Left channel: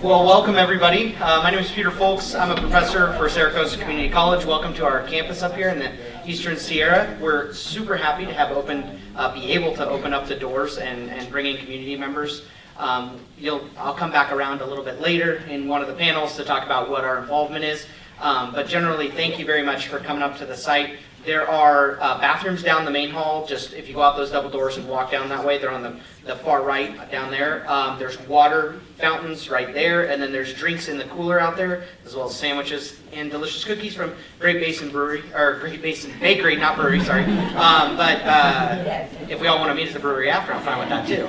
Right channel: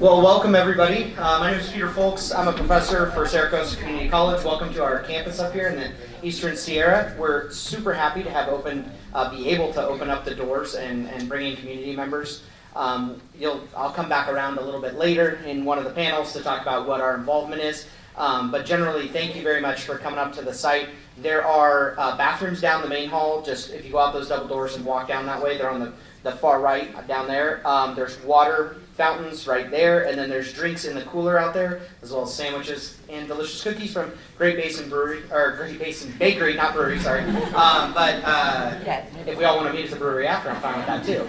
Well, welcome everybody. My name is Peter Folks. I'm a professor for Saracosa Community College. Welcome to our campus up here in the Eastern Sierra. We're super happy to have be able to open up the doors and bring in community members. I'll come back around a little bit later in one of the panels to talk about what our involvement is. But generally, thank you very much for coming up to the site. There are bathrooms down the main hall. Just if you go out those double doors and walk down that way, they're on the far right down there. There's water fountains right there, and then there's drinks in the cooler out there, as well as sandwiches and delicious cookies from Great Basin Brewery, or Great Basin Bakery, not brewery, sorry. But if we all want to meet at the brewery after, I'm fine with that too.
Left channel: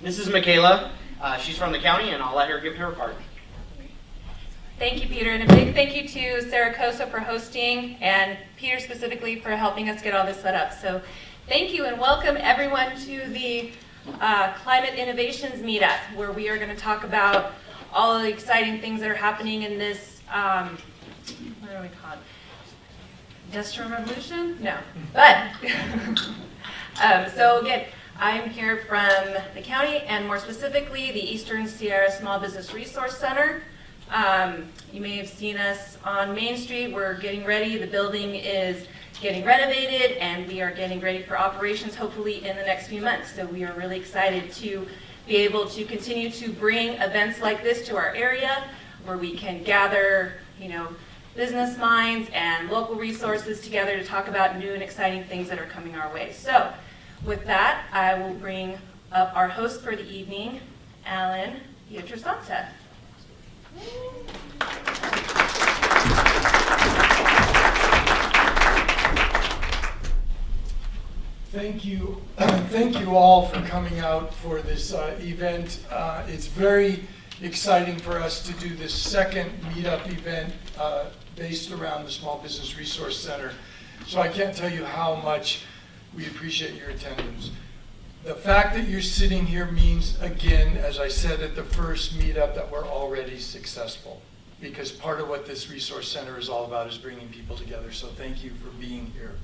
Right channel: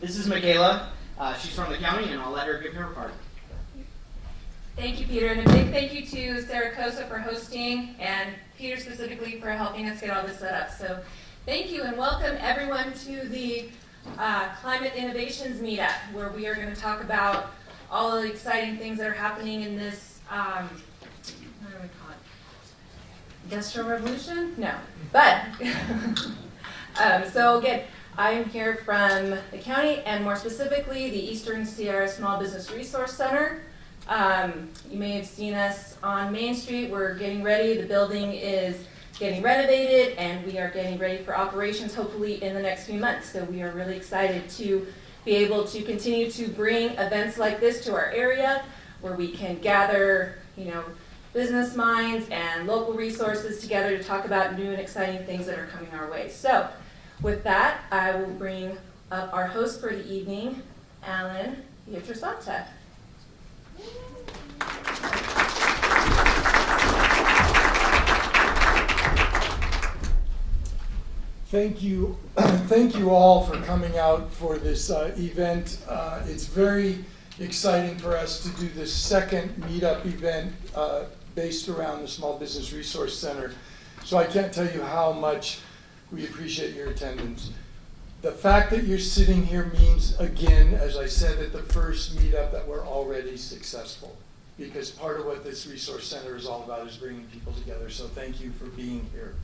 This is Michaela. She's from the county, and I'll let her give her part. Thank you, Peter, and a big thank you to Saracosa for hosting, and Peter specifically for helping us get all this set up. So thank you, and welcome everyone to the Climate Innovations Meetup, where we are going to talk about all of the exciting things that are happening in this, what do we call it? Industrial Revolution? No, but, so again, I'm here from the county, and more specifically, the Eastern Sierra Small Business Resource Center. You may have seen us on Main Street. We're getting ready. The building is getting renovated, and we are getting ready for operations hopefully in the next few months. So we are really excited to be able to continue to bring events like this to our area, where we can gather, business minds and local resources together to talk about new and exciting things that are coming our way. So with that, I will bring up our host for the evening, Alan Pietrasanta. Thank you. Thank you all for coming out for this event. It's very exciting for us to do this second meetup event based around the Small Business Resource Center. So I can't tell you how much we appreciate your attendance. The fact that you're sitting here means, again, as I said at the first meetup, that we're already successful, because part of what this resource center is all about is bringing people together. So thank you for being here.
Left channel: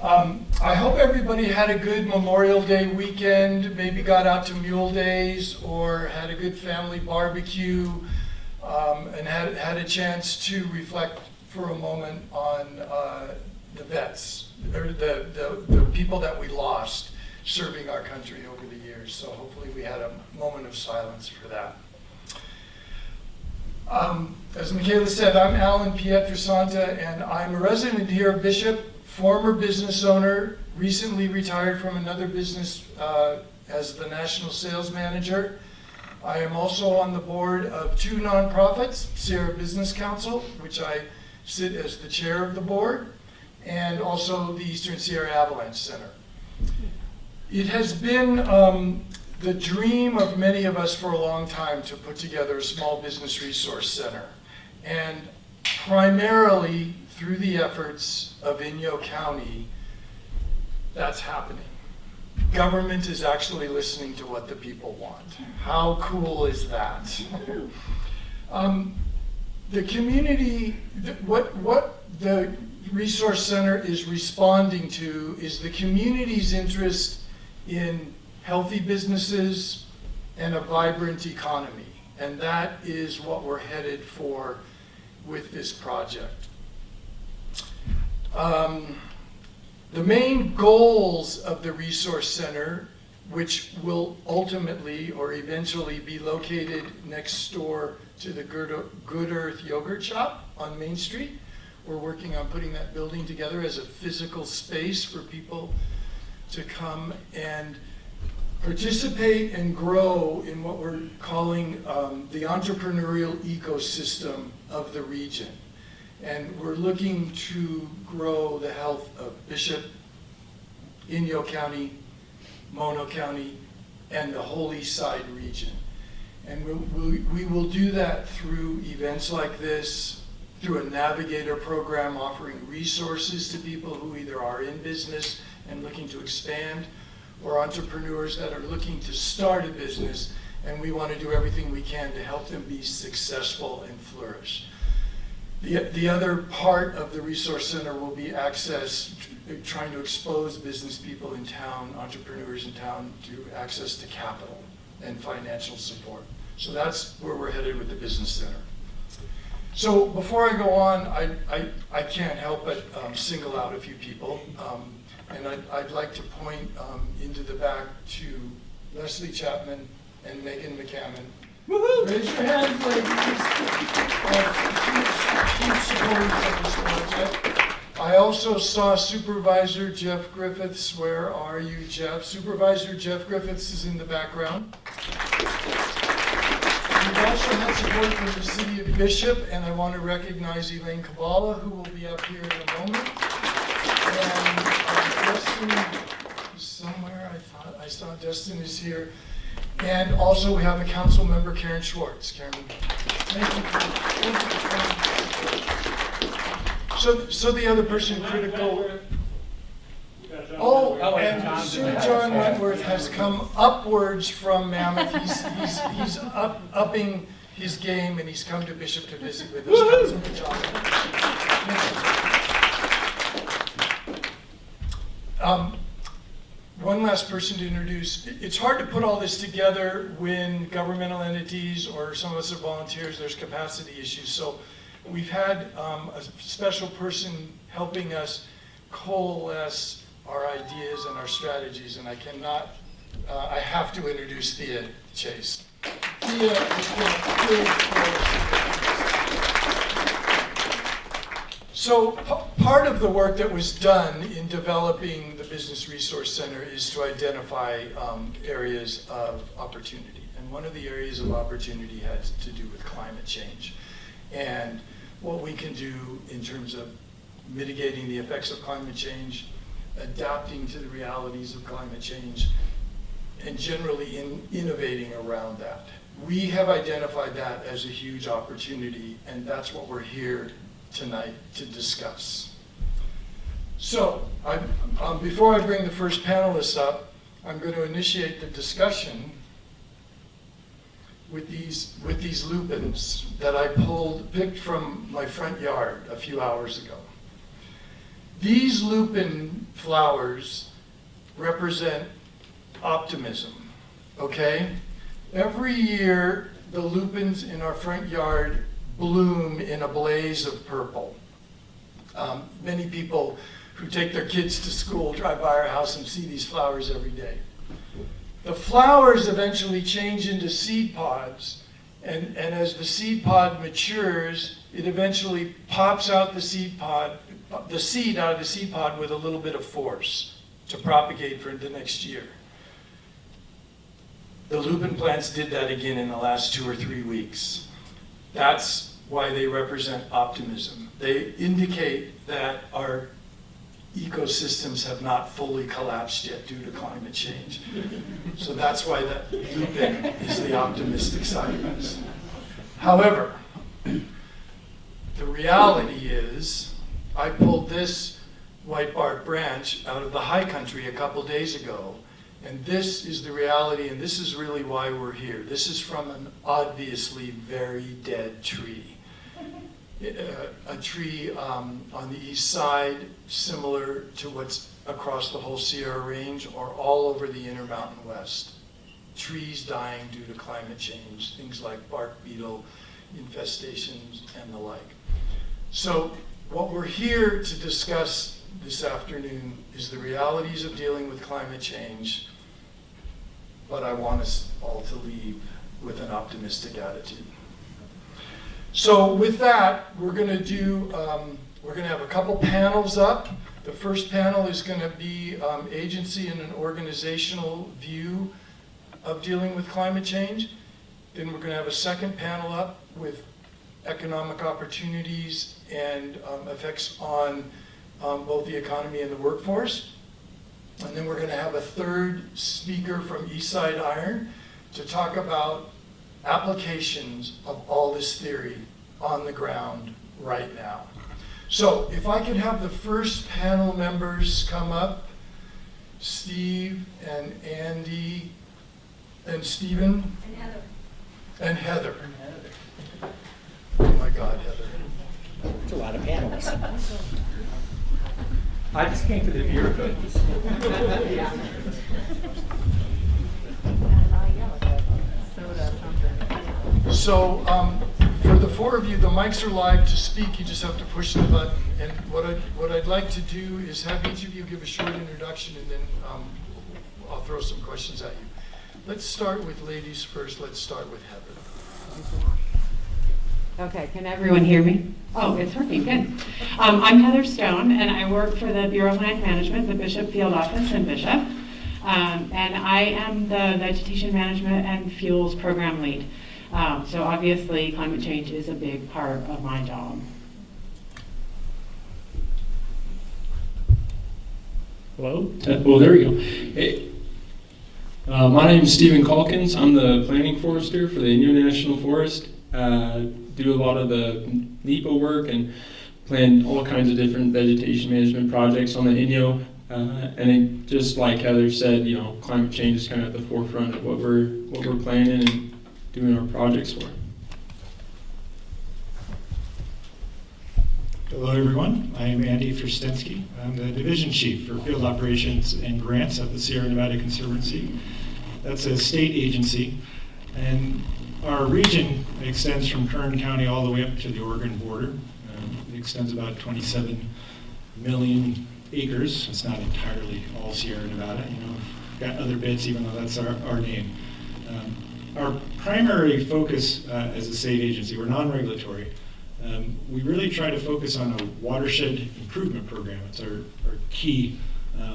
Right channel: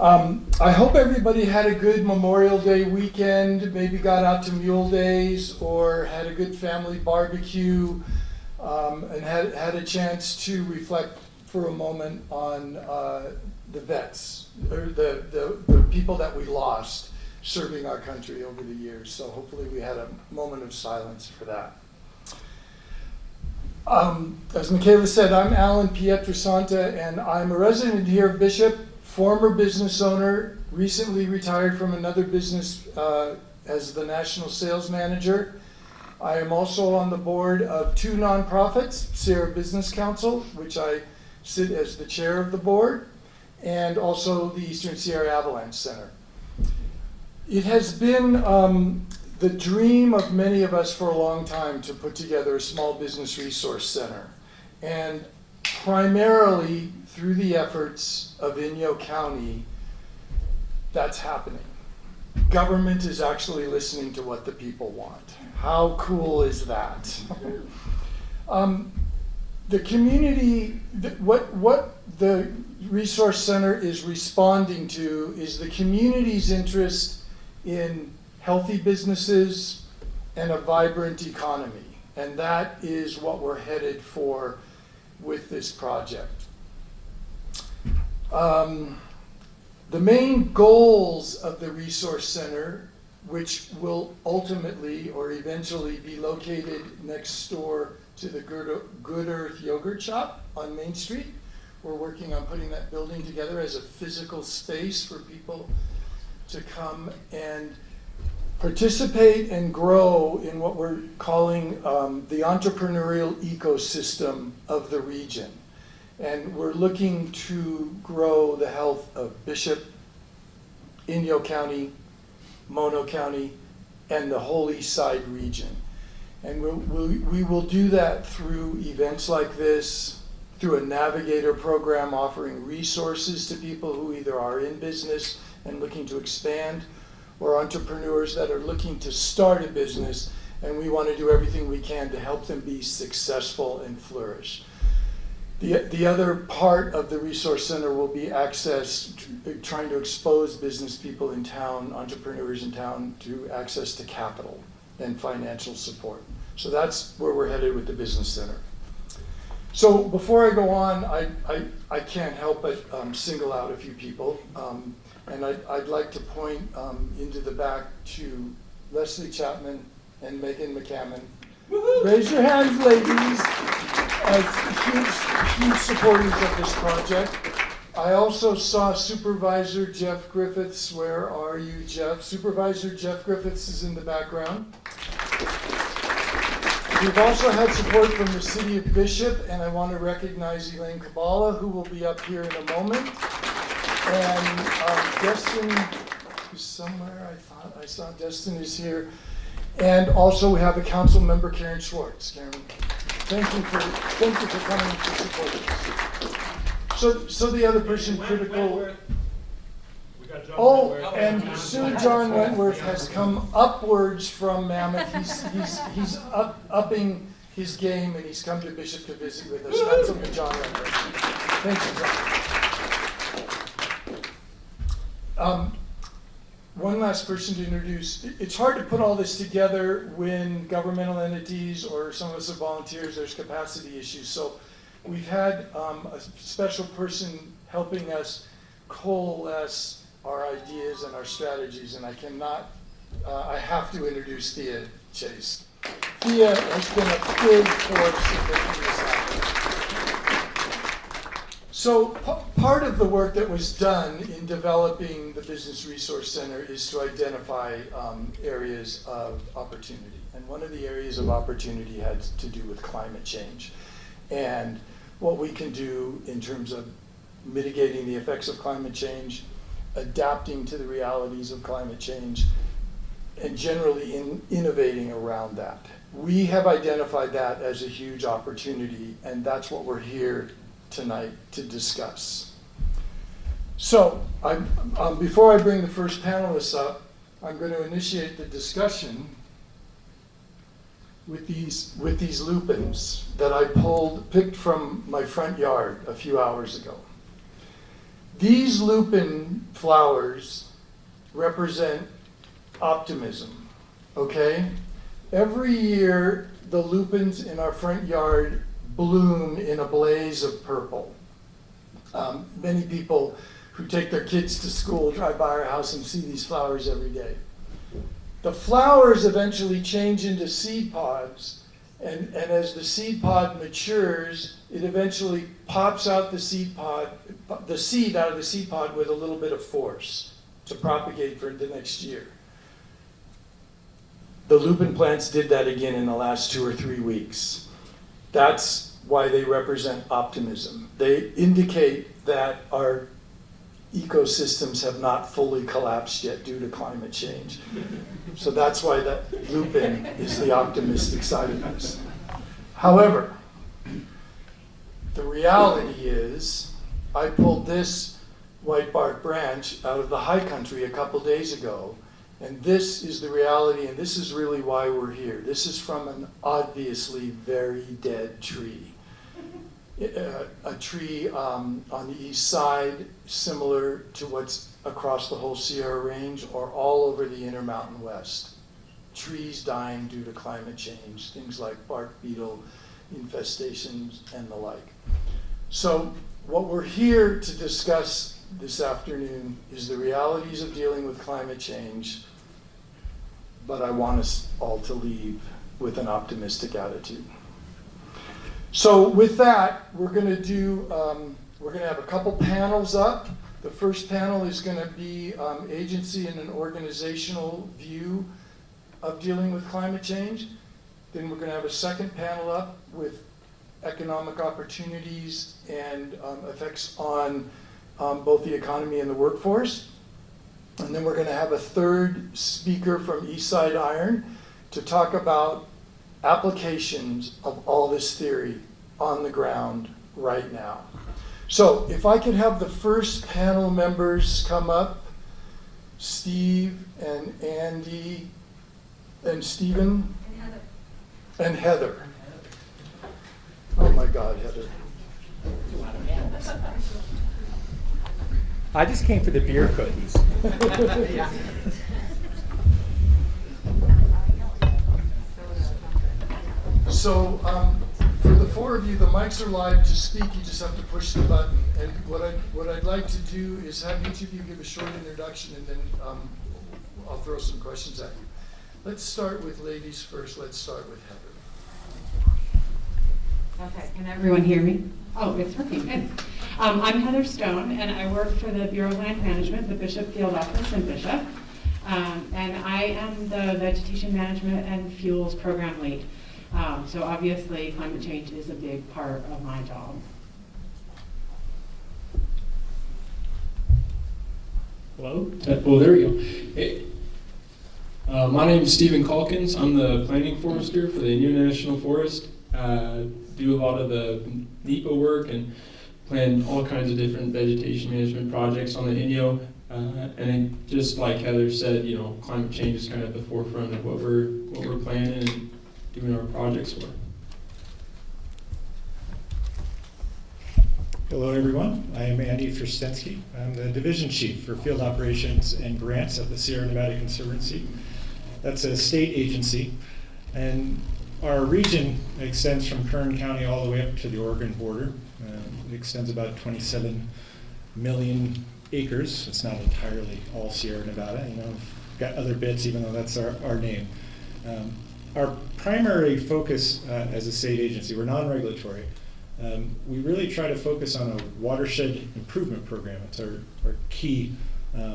I hope everybody had a good Memorial Day weekend, maybe got out to Mule Days or had a good family barbecue, and had a chance to reflect for a moment on the vets, or the people that we lost serving our country over the years. So hopefully we had a moment of silence for that. As Michaela said, I'm Alan Pietrasanta, and I'm a resident here of Bishop, former business owner, recently retired from another business as the national sales manager. I am also on the board of two nonprofits, Sierra Business Council, which I sit as the chair of the board, and also the Eastern Sierra Avalanche Center. It has been the dream of many of us for a long time to put together a small business resource center. And primarily through the efforts of Inyo County, that's happening. Government is actually listening to what the people want. How cool is that? The community, what the Resource Center is responding to is the community's interest in healthy businesses and a vibrant economy. And that is what we're headed for with this project. The main goals of the Resource Center, which will ultimately or eventually be located next door to the Good Earth Yogurt Shop on Main Street. We're working on putting that building together as a physical space for people to come and participate and grow in what we're calling the entrepreneurial ecosystem of the region. And we're looking to grow the health of Bishop, Inyo County, Mono County, and the whole East Side region. And we will do that through events like this, through a navigator program offering resources to people who either are in business and looking to expand, or entrepreneurs that are looking to start a business, and we want to do everything we can to help them be successful and flourish. The other part of the Resource Center will be access, trying to expose business people in town, entrepreneurs in town, to access to capital and financial support. So that's where we're headed with the business center. So before I go on, I can't help but single out a few people. And I'd like to point into the back to Leslie Chapman and Megan McCammon. Raise your hands, ladies. Huge supporters of this project. I also saw Supervisor Jeff Griffiths. Where are you, Jeff? Supervisor Jeff Griffiths is in the background. We've also had support from the City of Bishop, and I want to recognize Elaine Kabbalah, who will be up here in a moment. And Destin is somewhere. I thought I saw Destin is here. And also we have the council member Karen Schwartz. Karen, thank you for coming to support us. So the other person critical. Oh, and soon John Wentworth has come upwards from Mammoth. He's upping his game, and he's come to Bishop to visit with us. Councilman John Wentworth. Thank you. One last person to introduce. It's hard to put all this together when governmental entities or some of us are volunteers, there's capacity issues. So we've had a special person helping us coalesce our ideas and our strategies, and I have to introduce Thea Chase. Thea has been a big force in making this happen. So part of the work that was done in developing the Business Resource Center is to identify areas of opportunity. And one of the areas of opportunity had to do with climate change and what we can do in terms of mitigating the effects of climate change, adapting to the realities of climate change, and generally innovating around that. We have identified that as a huge opportunity, and that's what we're here tonight to discuss. So, before I bring the first panelists up, I'm going to initiate the discussion with these lupins that I picked from my front yard a few hours ago. These lupin flowers represent optimism, okay? Every year, the lupins in our front yard bloom in a blaze of purple. Many people who take their kids to school drive by our house and see these flowers every day. The flowers eventually change into seed pods, and as the seed pod matures, it eventually pops out the seed out of the seed pod with a little bit of force to propagate for the next year. The lupin plants did that again in the last 2 or 3 weeks. That's why they represent optimism. They indicate that our ecosystems have not fully collapsed yet due to climate change. So that's why that lupin is the optimistic side of this. However, the reality is, I pulled this white bark branch out of the high country a couple days ago, and this is the reality, and this is really why we're here. This is from an obviously very dead tree. A tree on the east side, similar to what's across the whole Sierra Range or all over the Intermountain West. Trees dying due to climate change, things like bark beetle infestations and the like. So what we're here to discuss this afternoon is the realities of dealing with climate change, but I want us all to leave with an optimistic attitude. So with that, we're going to have a couple panels up. The first panel is going to be agency and an organizational view of dealing with climate change. Then we're going to have a second panel up with economic opportunities and effects on both the economy and the workforce. And then we're going to have a third speaker from Eastside Iron to talk about applications of all this theory on the ground right now. So if I could have the first panel members come up, Steve and Andy and Stephen and Heather. Oh my God, Heather. It's a lot of panels. I just came for the beer cookies. So for the four of you, the mics are live. To speak, you just have to push the button. And what I'd like to do is have each of you give a short introduction, and then I'll throw some questions at you. Let's start with ladies first. Let's start with Heather. Okay, can everyone hear me? Oh, it's working, good. I'm Heather Stone, and I work for the Bureau of Land Management, the Bishop Field Office in Bishop. And I am the Vegetation Management and Fuels Program Lead. So obviously, climate change is a big part of my job. Hello? Oh, there we go. Hey. My name is Stephen Calkins. I'm the planning forester for the Inyo National Forest. Do a lot of the NEPA work and plan all kinds of different vegetation management projects on the Inyo. And then just like Heather said, you know, climate change is kind of at the forefront of what we're planning and doing our projects for. Hello, everyone. I am Andy Frostensky. I'm the Division Chief for Field Operations and Grants at the Sierra Nevada Conservancy. That's a state agency. And our region extends from Kern County all the way up to the Oregon border. It extends about 27 million acres. It's not entirely all Sierra Nevada. You know, we've got other bits, even though that's our name. Our primary focus as a state agency, we're non-regulatory. We really try to focus on a watershed improvement program. It's our key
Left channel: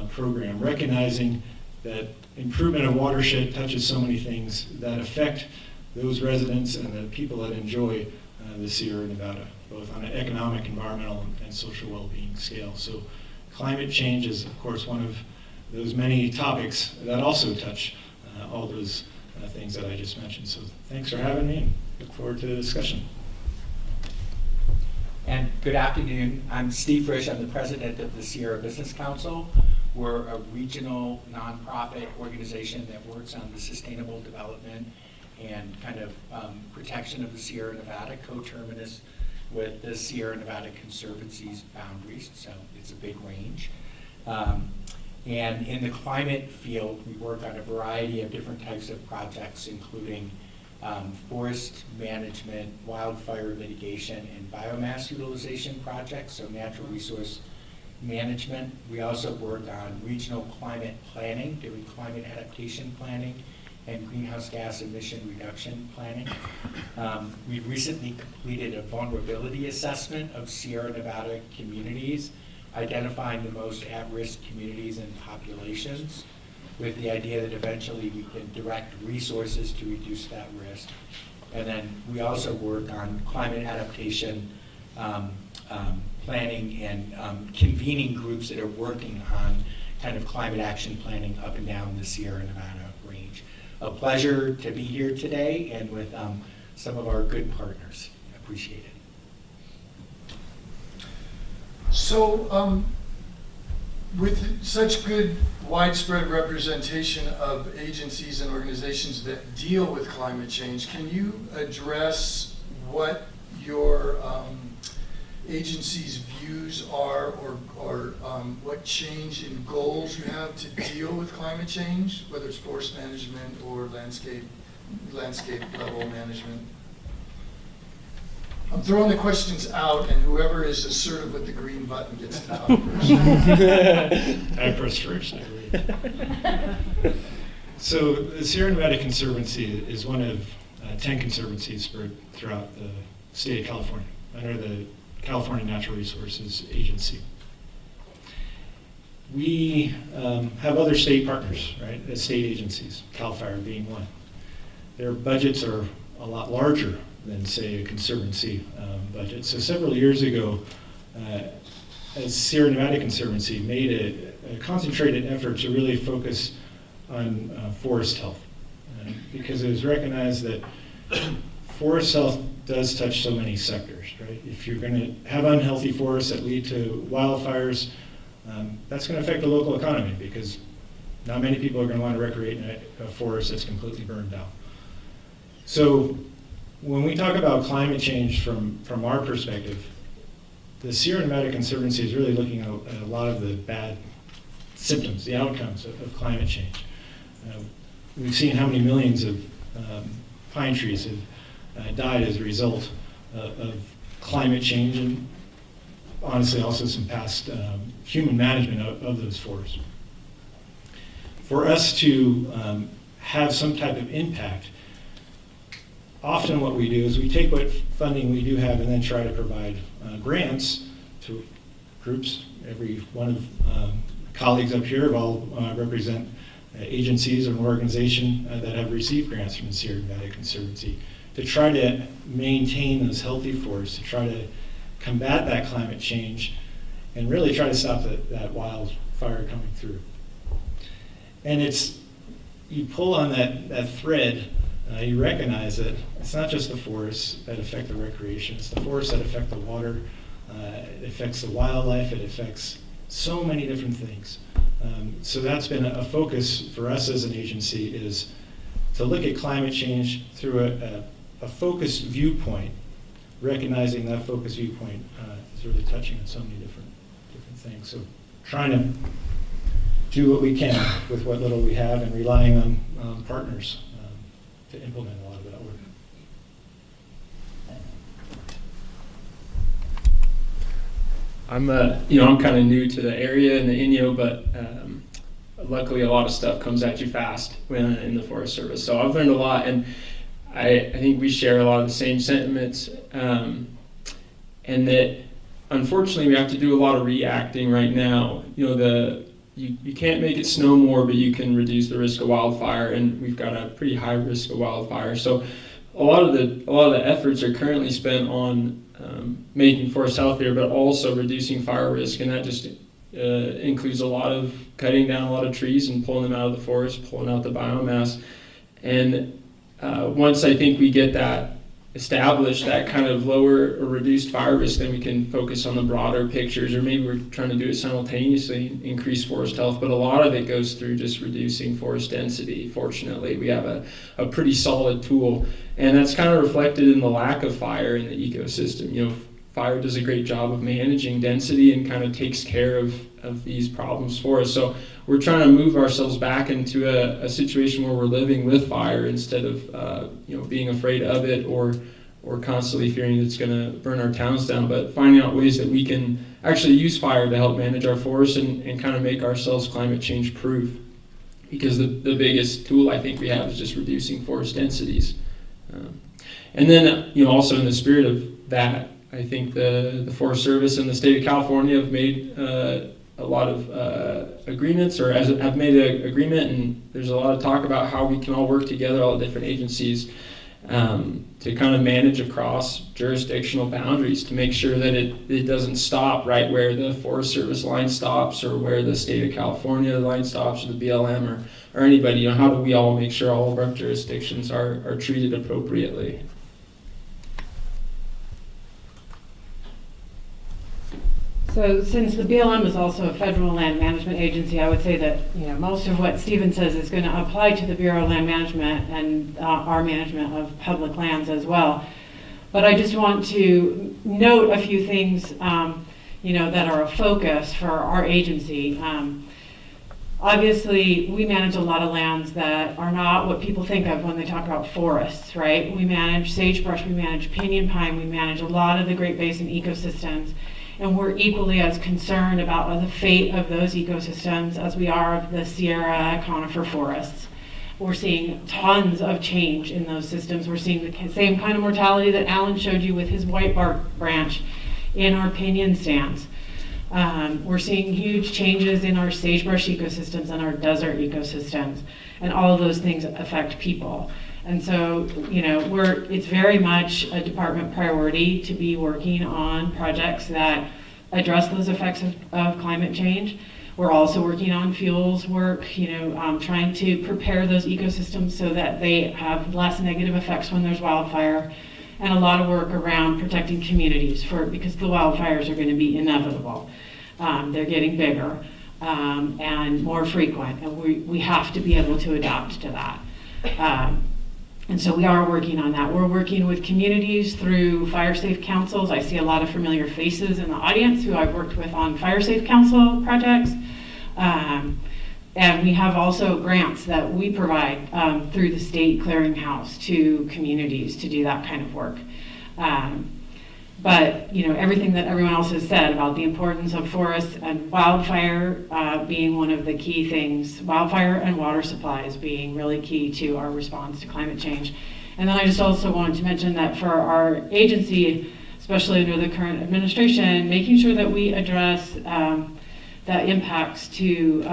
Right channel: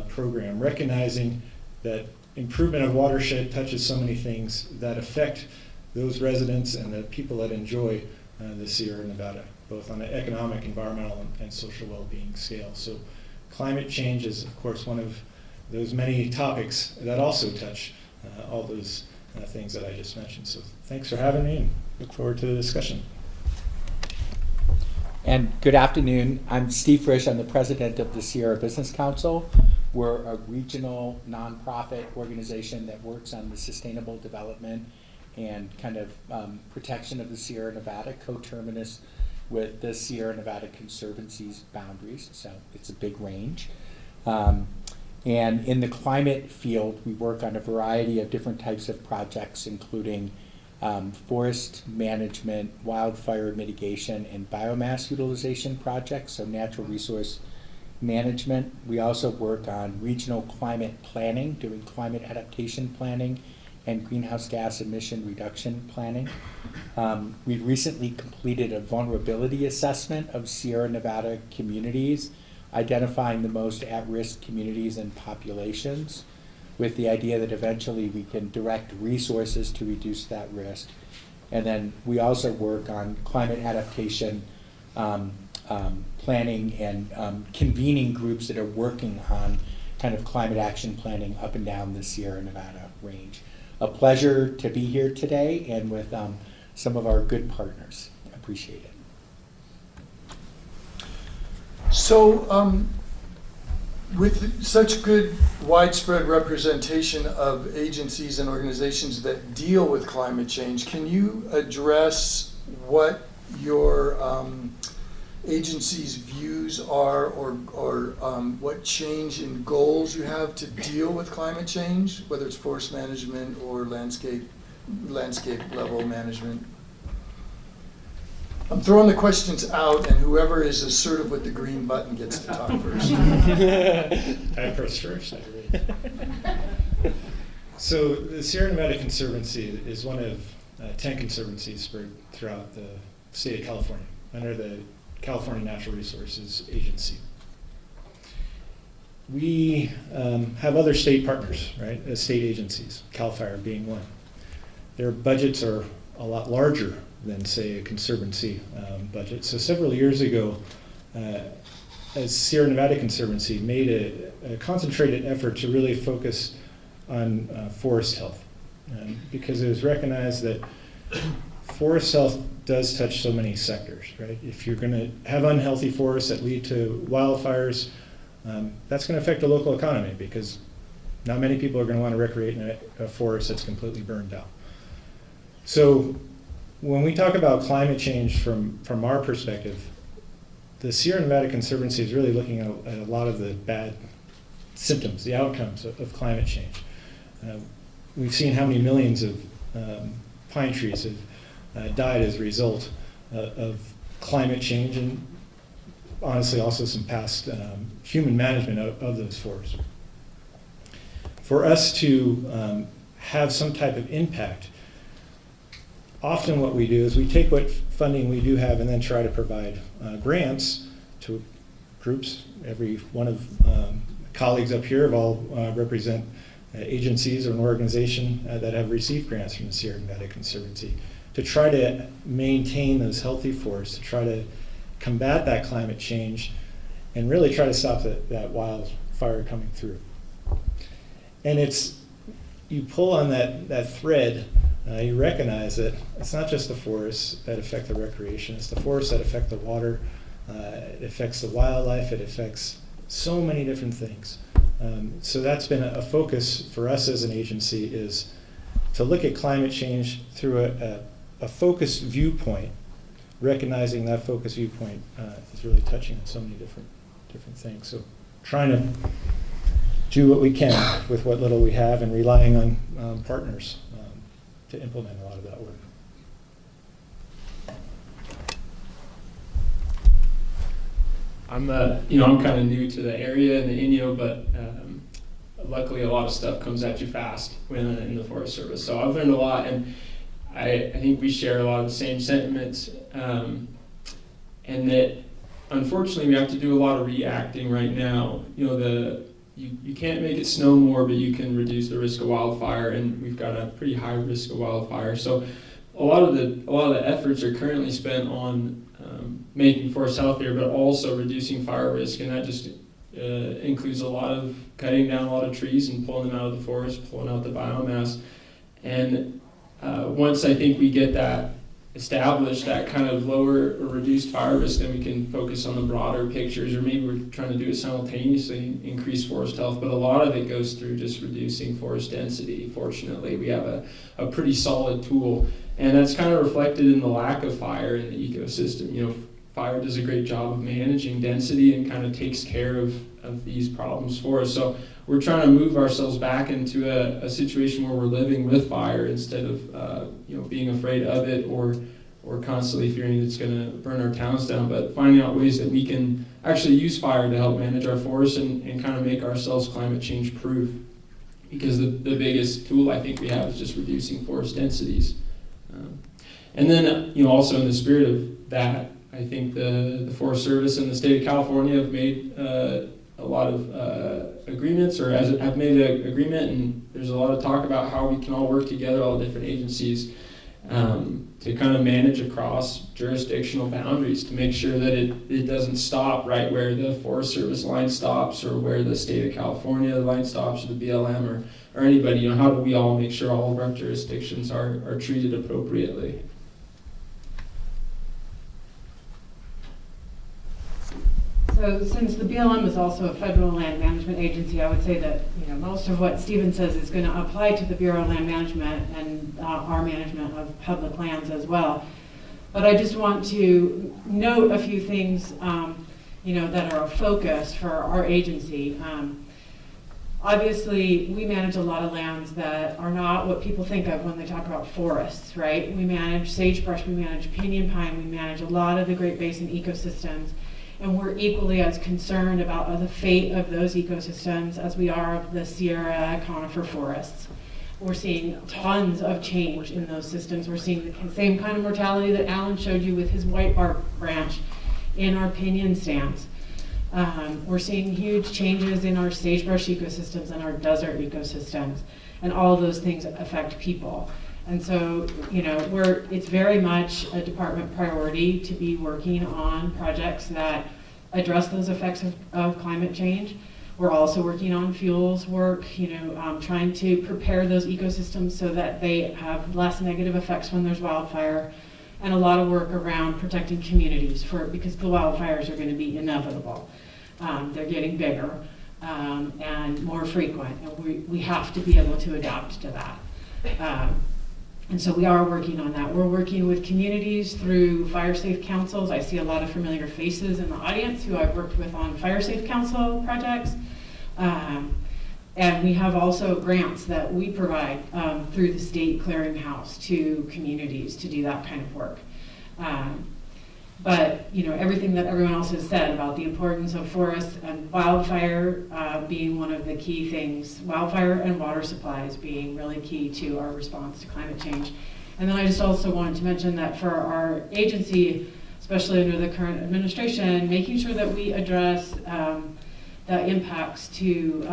program, recognizing that improvement of watershed touches so many things that affect those residents and the people that enjoy the Sierra Nevada, both on an economic, environmental, and social well-being scale. So climate change is, of course, one of those many topics that also touch all those things that I just mentioned. So thanks for having me, and look forward to the discussion. And good afternoon. I'm Steve Frisch. I'm the president of the Sierra Business Council. We're a regional nonprofit organization that works on the sustainable development and kind of protection of the Sierra Nevada, coterminous with the Sierra Nevada Conservancy's boundaries, so it's a big range. And in the climate field, we work on a variety of different types of projects, including forest management, wildfire mitigation, and biomass utilization projects, so natural resource management. We also work on regional climate planning, doing climate adaptation planning, and greenhouse gas emission reduction planning. We recently completed a vulnerability assessment of Sierra Nevada communities, identifying the most at-risk communities and populations, with the idea that eventually we can direct resources to reduce that risk. And then we also work on climate adaptation planning and convening groups that are working on kind of climate action planning up and down the Sierra Nevada range. A pleasure to be here today and with some of our good partners. Appreciate it. So with such good widespread representation of agencies and organizations that deal with climate change, can you address what your agency's views are, or what change in goals you have to deal with climate change, whether it's forest management or landscape level management? I'm throwing the questions out, and whoever is assertive with the green button gets to talk first. I press first. So the Sierra Nevada Conservancy is one of 10 conservancies spread throughout the state of California under the California Natural Resources Agency. We have other state partners, right? State agencies, CAL FIRE being one. Their budgets are a lot larger than, say, a conservancy budget. So several years ago, as Sierra Nevada Conservancy made a concentrated effort to really focus on forest health, because it was recognized that forest health does touch so many sectors, right? If you're going to have unhealthy forests that lead to wildfires, that's going to affect the local economy, because not many people are going to want to recreate in a forest that's completely burned down. So when we talk about climate change from our perspective, the Sierra Nevada Conservancy is really looking at a lot of the bad symptoms, the outcomes of climate change. We've seen how many millions of pine trees have died as a result of climate change and honestly also some past human management of those forests. For us to have some type of impact, often what we do is we take what funding we do have and then try to provide grants to groups. Every one of colleagues up here all represent agencies or an organization that have received grants from the Sierra Nevada Conservancy to try to maintain those healthy forests, to try to combat that climate change, and really try to stop that wildfire coming through. And you pull on that thread, you recognize that it's not just the forests that affect the recreation, it's the forests that affect the water, it affects the wildlife, it affects so many different things. So that's been a focus for us as an agency, is to look at climate change through a focused viewpoint, recognizing that focused viewpoint is really touching on so many different things. So trying to do what we can with what little we have and relying on partners to implement a lot of that work. I'm kind of new to the area in the Inyo, but luckily a lot of stuff comes at you fast when in the Forest Service. So I've learned a lot, and I think we share a lot of the same sentiments, and that unfortunately we have to do a lot of reacting right now. You can't make it snow more, but you can reduce the risk of wildfire, and we've got a pretty high risk of wildfire. So a lot of the efforts are currently spent on making forests healthier, but also reducing fire risk, and that just includes a lot of cutting down a lot of trees and pulling them out of the forest, pulling out the biomass. And once I think we get that established, that kind of lower or reduced fire risk, then we can focus on the broader pictures, or maybe we're trying to do it simultaneously, increase forest health, but a lot of it goes through just reducing forest density. Fortunately, we have a pretty solid tool, and that's kind of reflected in the lack of fire in the ecosystem. Fire does a great job of managing density and kind of takes care of these problems for us. So we're trying to move ourselves back into a situation where we're living with fire instead of being afraid of it or constantly fearing it's going to burn our towns down, but finding out ways that we can actually use fire to help manage our forests and kind of make ourselves climate change proof. Because the biggest tool I think we have is just reducing forest densities. And then also in the spirit of that, I think the Forest Service and the state of California have made a lot of agreements, or have made an agreement, and there's a lot of talk about how we can all work together, all the different agencies, to kind of manage across jurisdictional boundaries to make sure that it doesn't stop right where the Forest Service line stops, or where the state of California line stops, or the BLM, or anybody. How do we all make sure all of our jurisdictions are treated appropriately? So since the BLM is also a federal land management agency, I would say that most of what Stephen says is going to apply to the Bureau of Land Management and our management of public lands as well. But I just want to note a few things that are a focus for our agency. Obviously, we manage a lot of lands that are not what people think of when they talk about forests, right? We manage sagebrush, we manage pinyon pine, we manage a lot of the Great Basin ecosystems. And we're equally as concerned about the fate of those ecosystems as we are of the Sierra conifer forests. We're seeing tons of change in those systems. We're seeing the same kind of mortality that Alan showed you with his white bark branch in our pinyon stands. We're seeing huge changes in our sagebrush ecosystems and our desert ecosystems, and all of those things affect people. And so, it's very much a department priority to be working on projects that address those effects of climate change. We're also working on fuels work, trying to prepare those ecosystems so that they have less negative effects when there's wildfire, and a lot of work around protecting communities because the wildfires are going to be inevitable. They're getting bigger and more frequent, and we have to be able to adapt to that. And so we are working on that. We're working with communities through Fire Safe Councils. I see a lot of familiar faces in the audience who I've worked with on Fire Safe Council projects. And we have also grants that we provide through the state clearinghouse to communities to do that kind of work. But, you know, everything that everyone else has said about the importance of forests and wildfire being one of the key things, wildfire and water supplies being really key to our response to climate change. And then I just also wanted to mention that for our agency, especially under the current administration, making sure that we address the impacts to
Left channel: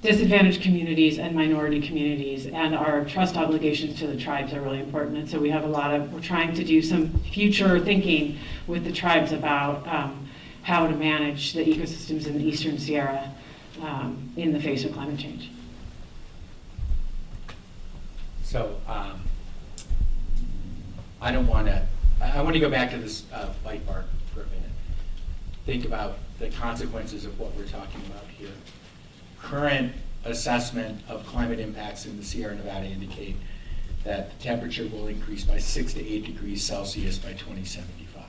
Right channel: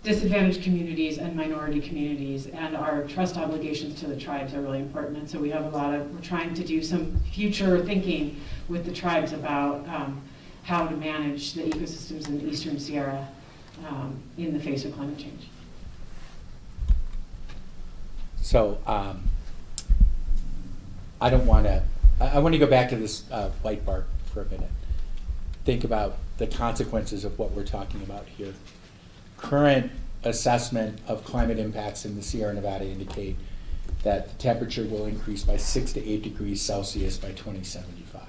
disadvantaged communities and minority communities, and our trust obligations to the tribes are really important. And so we have we're trying to do some future thinking with the tribes about how to manage the ecosystems in the Eastern Sierra in the face of climate change. So I want to go back to this light bar for a minute. Think about the consequences of what we're talking about here. Current assessment of climate impacts in the Sierra Nevada indicate that the temperature will increase by 6 to 8 degrees Celsius by 2075.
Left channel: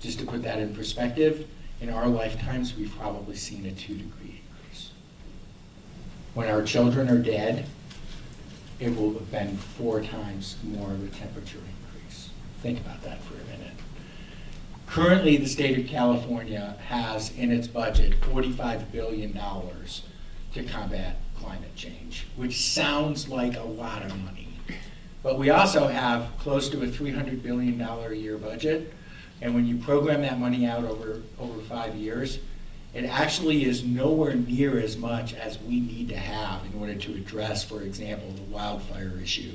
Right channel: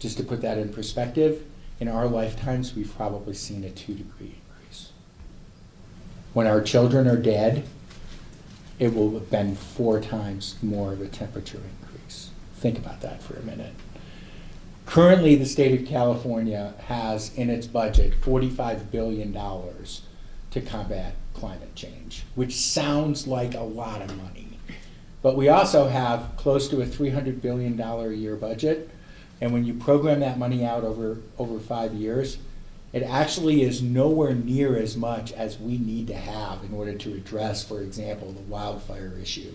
Just to put that in perspective, in our lifetimes, we've probably seen a 2-degree increase. When our children are dead, it will have been 4 times more of a temperature increase. Think about that for a minute. Currently, the state of California has in its budget $45 billion to combat climate change, which sounds like a lot of money. But we also have close to a $300 billion a year budget, and when you program that money out over 5 years, it actually is nowhere near as much as we need to have in order to address, for example, the wildfire issue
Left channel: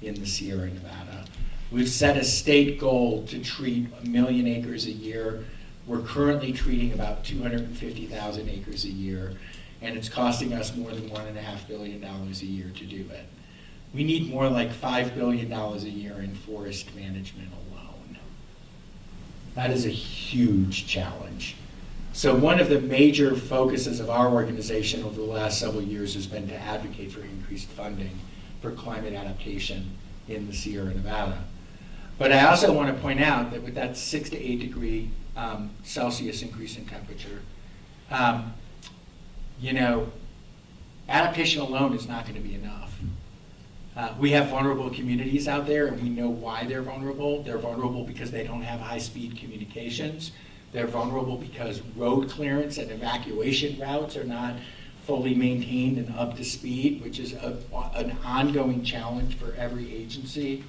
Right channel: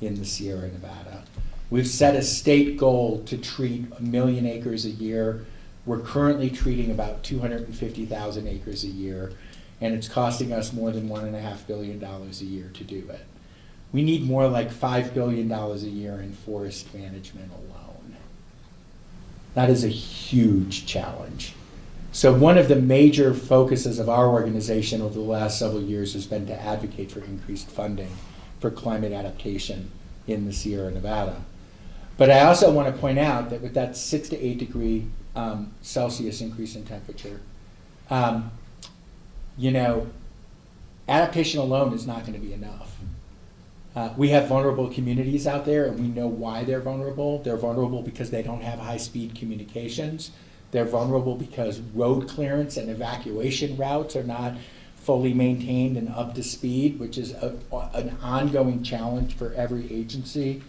in the Sierra Nevada. We've set a state goal to treat 1 million acres a year. We're currently treating about 250,000 acres a year, and it's costing us more than $1.5 billion a year to do it. We need more like $5 billion a year in forest management alone. That is a huge challenge. So one of the major focuses of our organization over the last several years has been to advocate for increased funding for climate adaptation in the Sierra Nevada. But I also want to point out that with that 6 to 8 degree Celsius increase in temperature, adaptation alone is not going to be enough. We have vulnerable communities out there, and we know why they're vulnerable. They're vulnerable because they don't have high-speed communications. They're vulnerable because road clearance and evacuation routes are not fully maintained and up to speed, which is an ongoing challenge for every agency.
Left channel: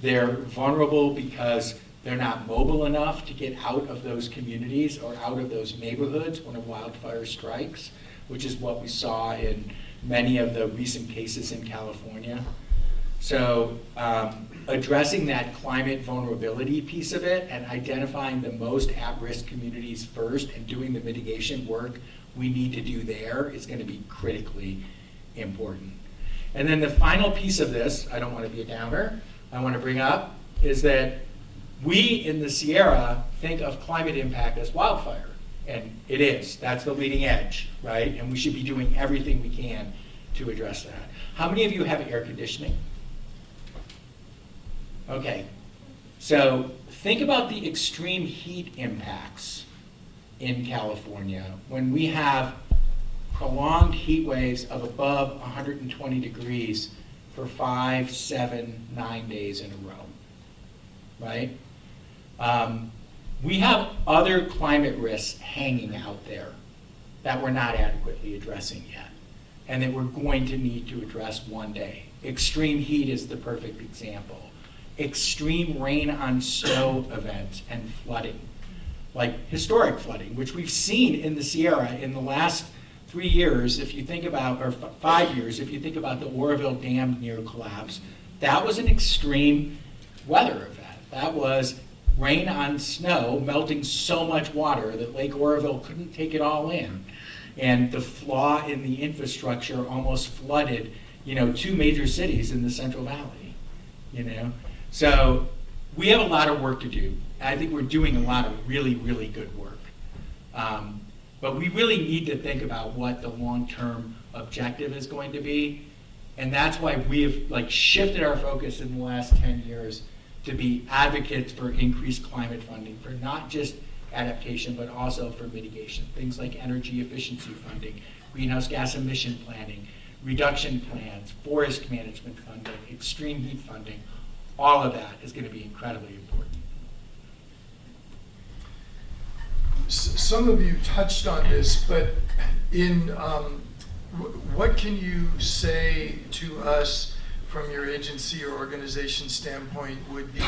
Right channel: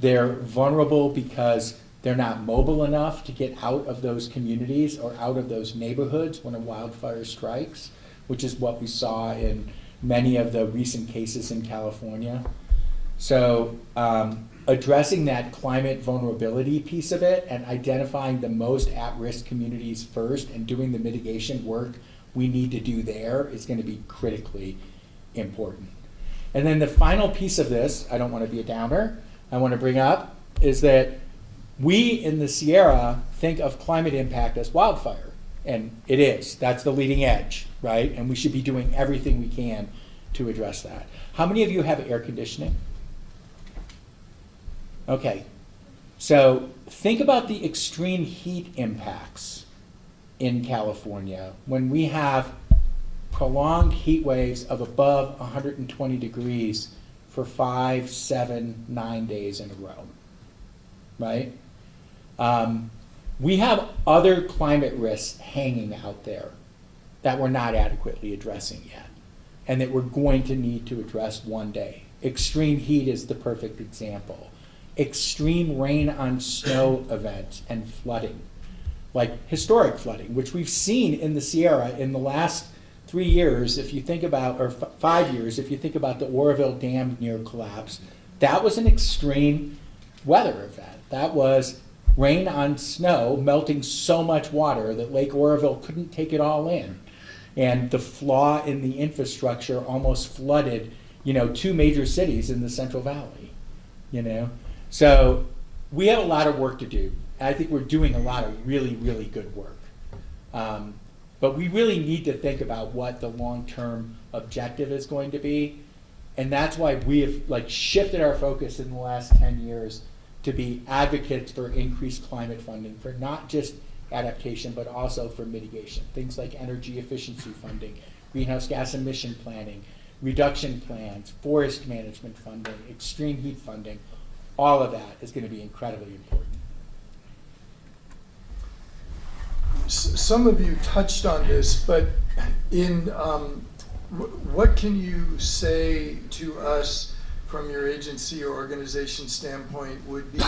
They're vulnerable because they're not mobile enough to get out of those communities or out of those neighborhoods when a wildfire strikes, which is what we saw in many of the recent cases in California. So addressing that climate vulnerability piece of it and identifying the most at-risk communities first and doing the mitigation work we need to do there is going to be critically important. And then the final piece of this, I don't want to be a downer, I want to bring up is that we in the Sierra think of climate impact as wildfire. And it is. That's the leading edge, right? And we should be doing everything we can to address that. How many of you have air conditioning? Okay. So think about the extreme heat impacts in California when we have prolonged heat waves of above 120 degrees for 5, 7, 9 days in a row, right? We have other climate risks hanging out there that we're not adequately addressing yet, and that we're going to need to address one day. Extreme heat is the perfect example. Extreme rain on snow events and flooding, like historic flooding, which we've seen in the Sierra in the last 3 years, if you think about, or 5 years, if you think about the Oroville Dam near collapse, that was an extreme weather event. That was rain on snow melting so much water that Lake Oroville couldn't take it all in. And the flaw in the infrastructure almost flooded, 2 major cities in the Central Valley, So we have a lot of work to do. I think we're doing a lot of really, really good work. But we really need to think about what the long-term objective is going to be. And that's why we have shifted our focus in the last 10 years to be advocates for increased climate funding for not just adaptation, but also for mitigation. Things like energy efficiency funding, greenhouse gas emission planning, reduction plans, forest management funding, extreme heat funding. All of that is going to be incredibly important. Some of you touched on this, but what can you say to us from your agency or organization standpoint would be,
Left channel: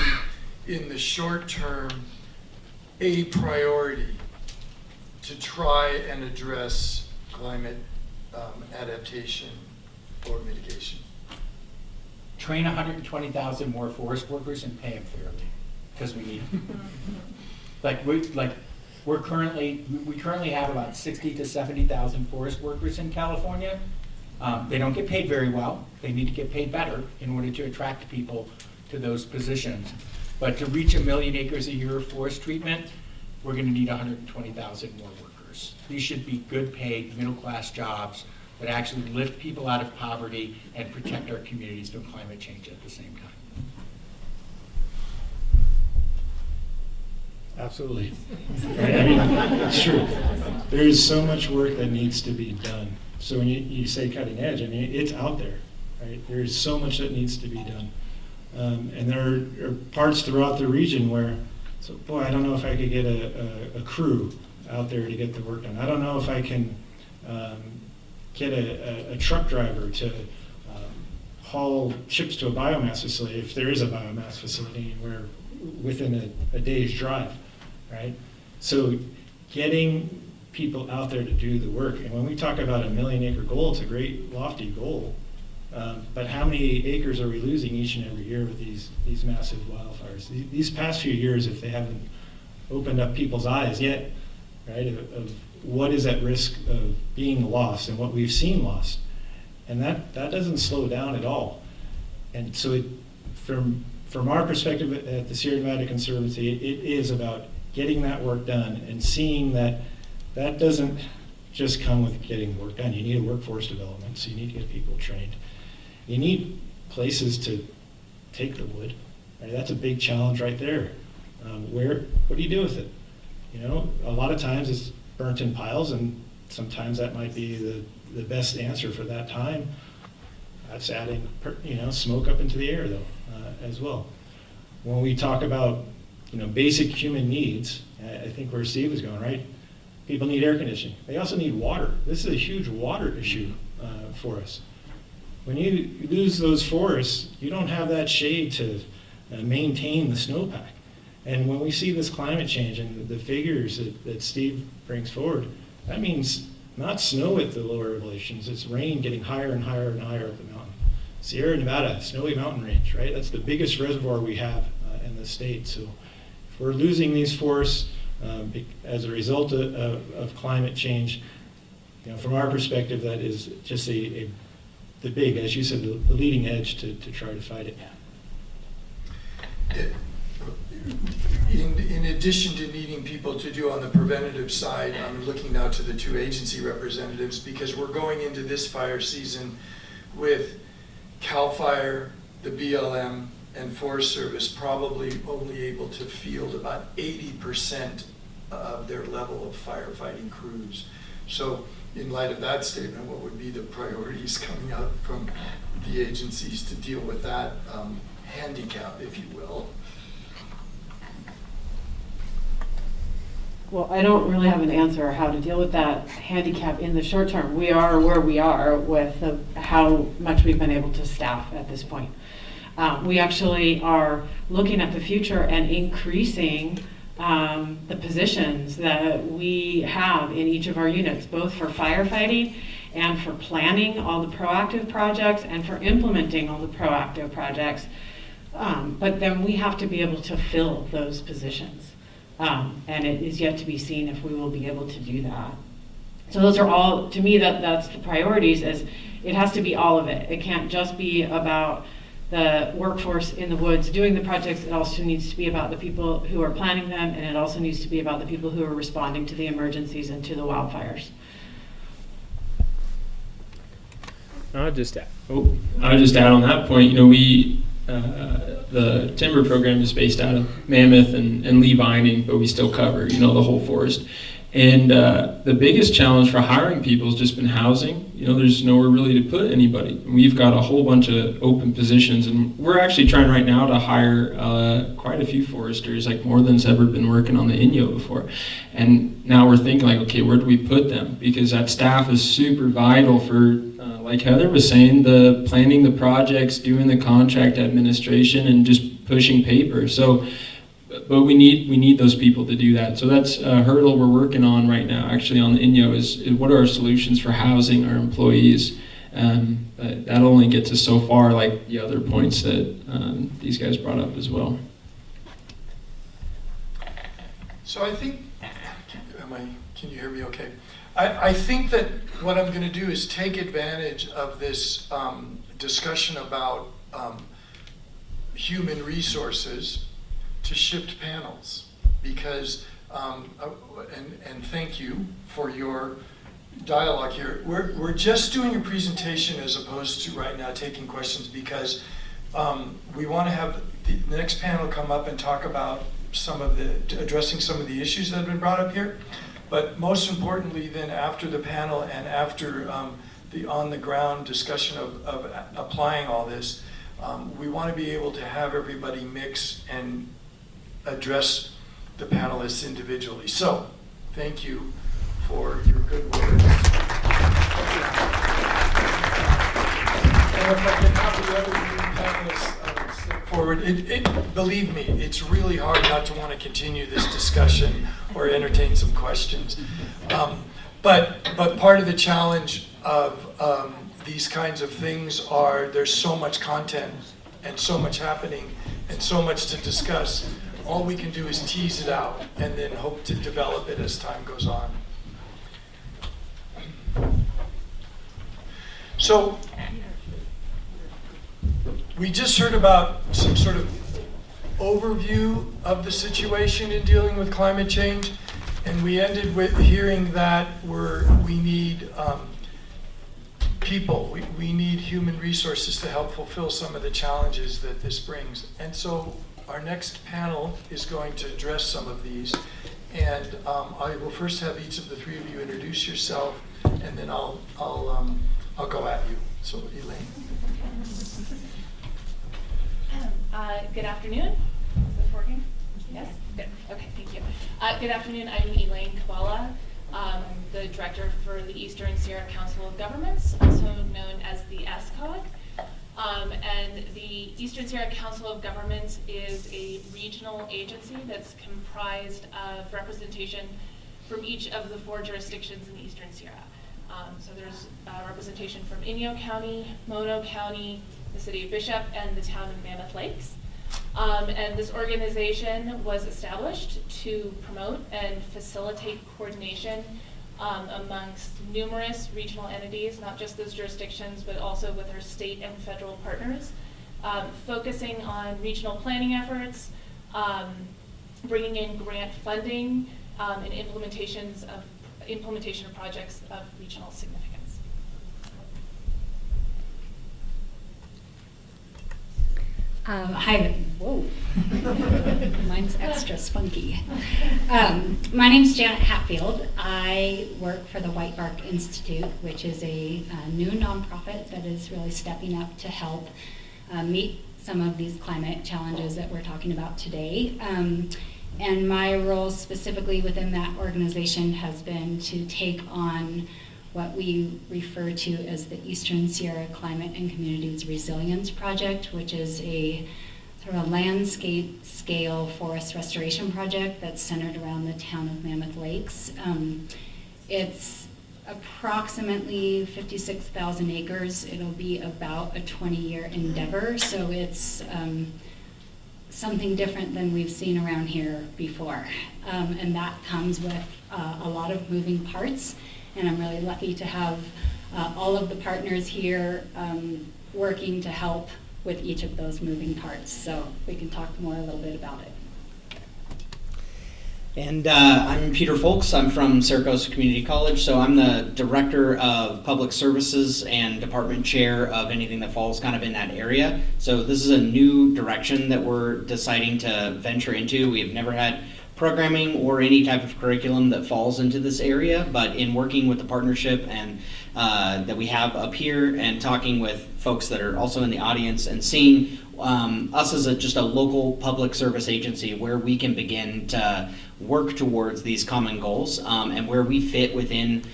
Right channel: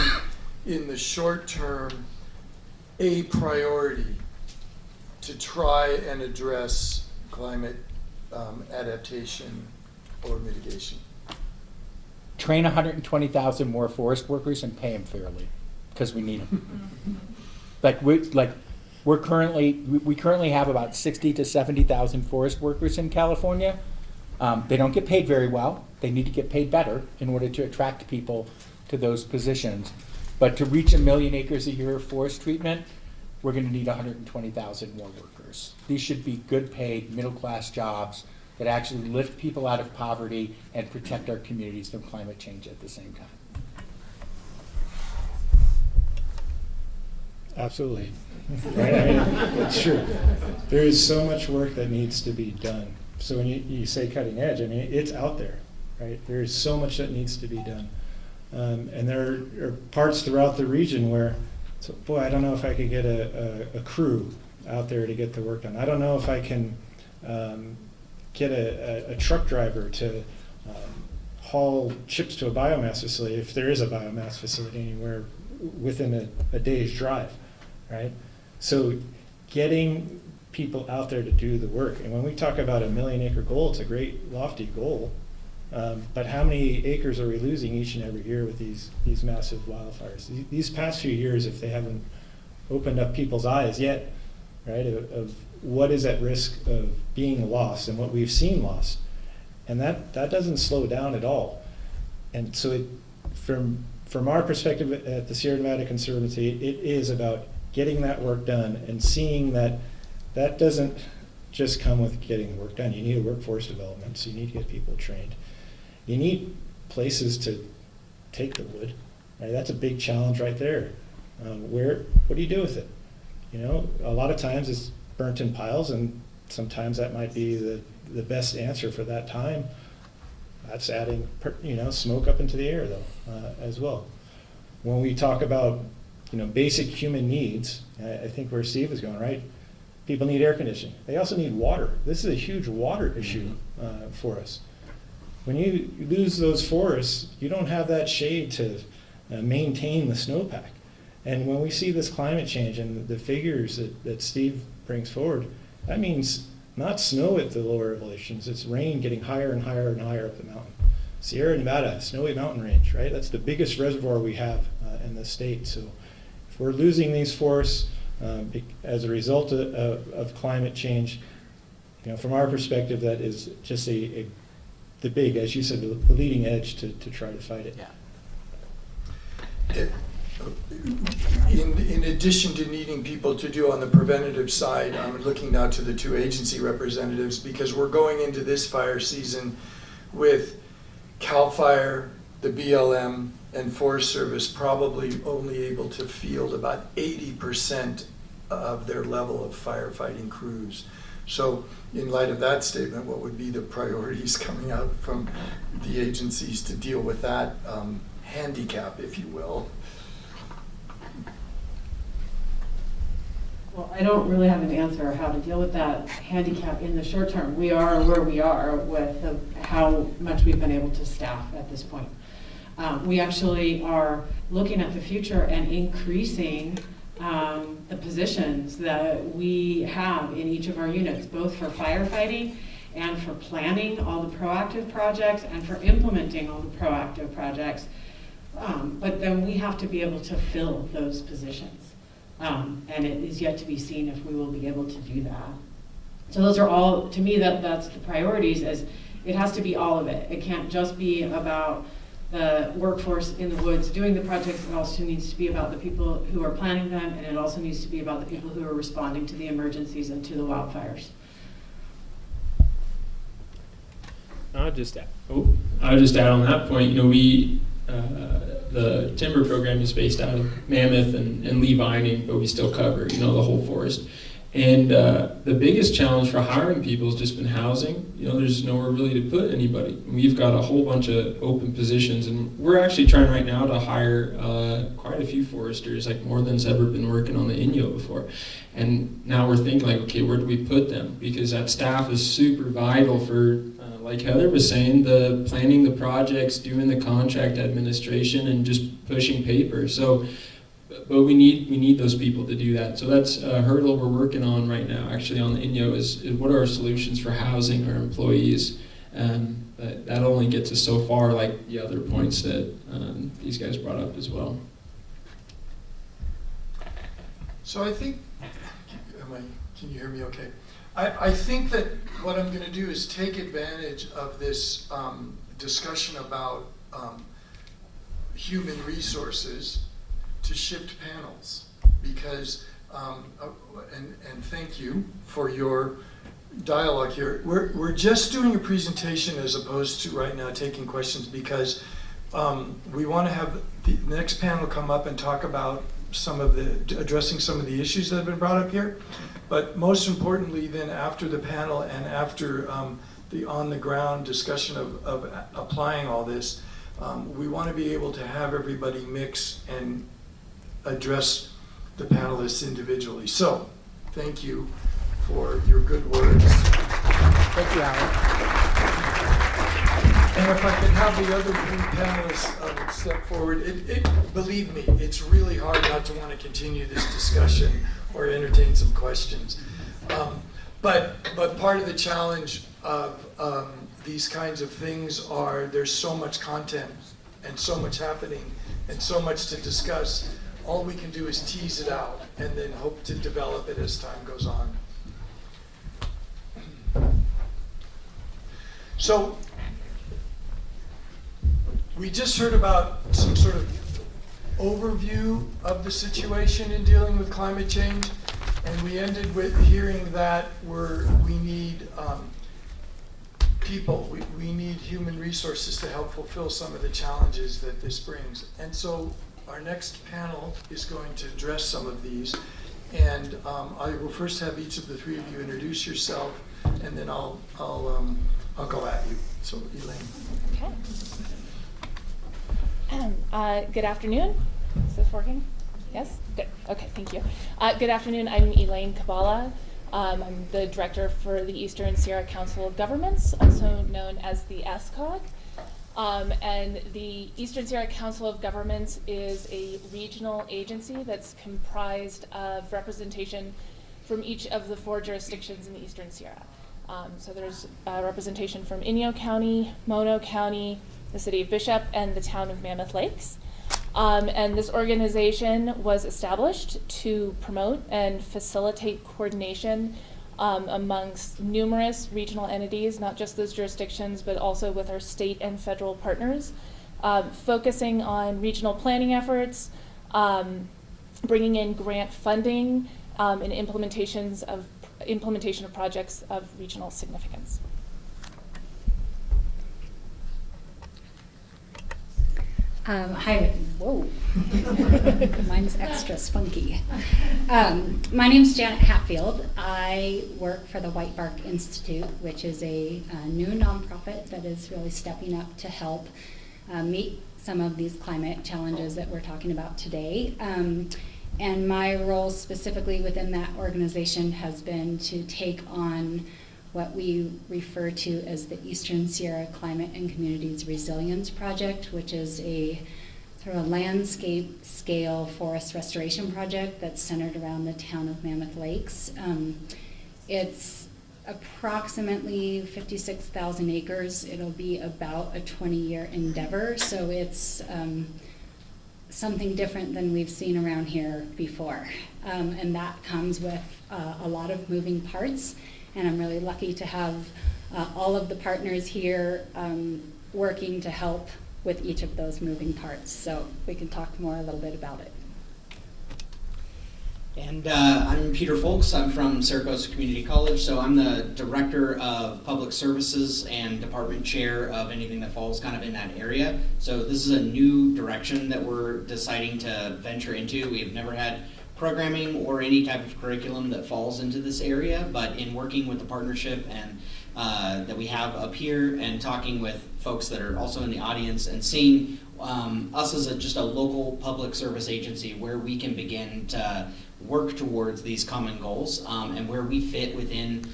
in the short term, a priority to try and address climate adaptation or mitigation? Train 120,000 more forest workers and pay them fairly, because we need them. We currently have about 60 to 70,000 forest workers in California. They don't get paid very well. They need to get paid better in order to attract people to those positions. But to reach 1 million acres a year of forest treatment, we're going to need 120,000 more workers. These should be good paid, middle-class jobs that actually lift people out of poverty and protect our communities from climate change at the same time. Absolutely. Right? I mean, it's true. There is so much work that needs to be done. So when you say cutting edge, I mean, it's out there, right? There is so much that needs to be done. And there are parts throughout the region where, so boy, I don't know if I could get a crew out there to get the work done. I don't know if I can get a truck driver to haul chips to a biomass facility, if there is a biomass facility anywhere within a day's drive, right? So getting people out there to do the work. And when we talk about a 1 million acre goal, it's a great lofty goal. But how many acres are we losing each and every year with these massive wildfires? These past few years, if they haven't opened up people's eyes yet, right, of what is at risk of being lost and what we've seen lost. And that doesn't slow down at all. And so from our perspective at the Sierra Nevada Conservancy, it is about getting that work done and seeing that doesn't just come with getting the work done. You need a workforce development, so you need to get people trained. You need places to take the wood, right? That's a big challenge right there. What do you do with it? You know, a lot of times it's burnt in piles, and sometimes that might be the best answer for that time. That's adding, smoke up into the air though, as well. When we talk about, basic human needs, I think where Steve was going, right? People need air conditioning. They also need water. This is a huge water issue for us. When you lose those forests, you don't have that shade to maintain the snowpack. And when we see this climate change and the figures that Steve brings forward, that means not snow at the lower elevations, it's rain getting higher and higher and higher up the mountain. Sierra Nevada, snowy mountain range, right? That's the biggest reservoir we have in the state. So if we're losing these forests as a result of climate change, from our perspective, that is just the big, as you said, the leading edge to try to fight it. Yeah. In addition to needing people to do on the preventative side, I'm looking now to the two agency representatives, because we're going into this fire season with CAL FIRE, the BLM, and Forest Service probably only able to field about 80% of their level of firefighting crews. So in light of that statement, what would be the priorities coming out from the agencies to deal with that handicap, if you will? Well, I don't really have an answer how to deal with that handicap in the short term. We are where we are with how much we've been able to staff at this point. We actually are looking at the future and increasing the positions that we have in each of our units, both for firefighting and for planning all the proactive projects and for implementing all the proactive projects. But then we have to be able to fill those positions. And it is yet to be seen if we will be able to do that. So those are all, to me, that's the priorities, is it has to be all of it. It can't just be about the workforce in the woods doing the projects. It also needs to be about the people who are planning them, and it also needs to be about the people who are responding to the emergencies and to the wildfires. I'll just add on that point. The timber program is based out of Mammoth and Lee Vining, but we still cover, the whole forest. And the biggest challenge for hiring people has just been housing. You know, there's nowhere really to put anybody. We've got a whole bunch of open positions, and we're actually trying right now to hire quite a few foresters, like more than's ever been working on the INYO before. And now we're thinking like, okay, where do we put them? Because that staff is super vital for, like Heather was saying, the planning the projects, doing the contract administration, and just pushing paper. So. But we need those people to do that. So that's a hurdle we're working on right now, actually, on the INYO, is what are our solutions for housing our employees? But that only gets us so far, like the other points that these guys brought up as well. So I think, can you hear me okay? I think that what I'm gonna do is take advantage of this discussion about human resources to shift panels, because, and thank you for your dialogue here. We're just doing a presentation as opposed to right now taking questions, because we want to have the next panel come up and talk about addressing some of the issues that have been brought up here. But most importantly, then after the panel and after the on-the-ground discussion of applying all this, we want to be able to have everybody mix and address the panelists individually. So, thank you for your good words. Thank you, Alan. And if I can have the other three panelists step forward, believe me, it's really hard not to want to continue this discussion or entertain some questions. But part of the challenge of these kinds of things are there's so much content and so much happening and so much to discuss. All we can do is tease it out and then hope to develop it as time goes on. So, we just heard about some sort of overview of the situation in dealing with climate change, and we ended with hearing that we need people, we need human resources to help fulfill some of the challenges that this brings. And so our next panel is going to address some of these, and I will first have each of the three of you introduce yourself, and then I'll go at you. So, Elaine. Okay. Good afternoon. Is this working? Yes? Good. Okay, thank you. Good afternoon. I'm Elaine Kabala. I'm the director for the Eastern Sierra Council of Governments, also known as the ESCOG. And the Eastern Sierra Council of Governments is a regional agency that's comprised of representation from each of the 4 jurisdictions in the Eastern Sierra. So there's representation from Inyo County, Mono County, the city of Bishop, and the town of Mammoth Lakes. And this organization was established to promote and facilitate coordination amongst numerous regional entities, not just those jurisdictions, but also with our state and federal partners, focusing on regional planning efforts, bringing in grant funding, and implementation of projects of regional significance. Hi, whoa, mine's extra spunky. My name's Janet Hatfield. I work for the White Bark Institute, which is a new nonprofit that is really stepping up to help meet some of these climate challenges that we're talking about today. And my role specifically within that organization has been to take on what we refer to as the Eastern Sierra Climate and Communities Resilience Project, which is a sort of landscape scale forest restoration project that's centered around the town of Mammoth Lakes. It's approximately 56,000 acres. It'll be about a 20-year endeavor, so it's something different than we've seen around here before. And that comes with a lot of moving parts. And I'm really lucky to have all of the partners here working to help with each of those moving parts. So we can talk more a little bit about it. And I'm Peter Folks. I'm from Saracosa Community College, so I'm the Director of Public Services and Department Chair of anything that falls kind of in that area. So this is a new direction that we're deciding to venture into. We've never had programming or any type of curriculum that falls into this area, but in working with the partnership and that we have up here and talking with folks that are also in the audience and seeing us as just a local public service agency where we can begin to work towards these common goals and where we fit within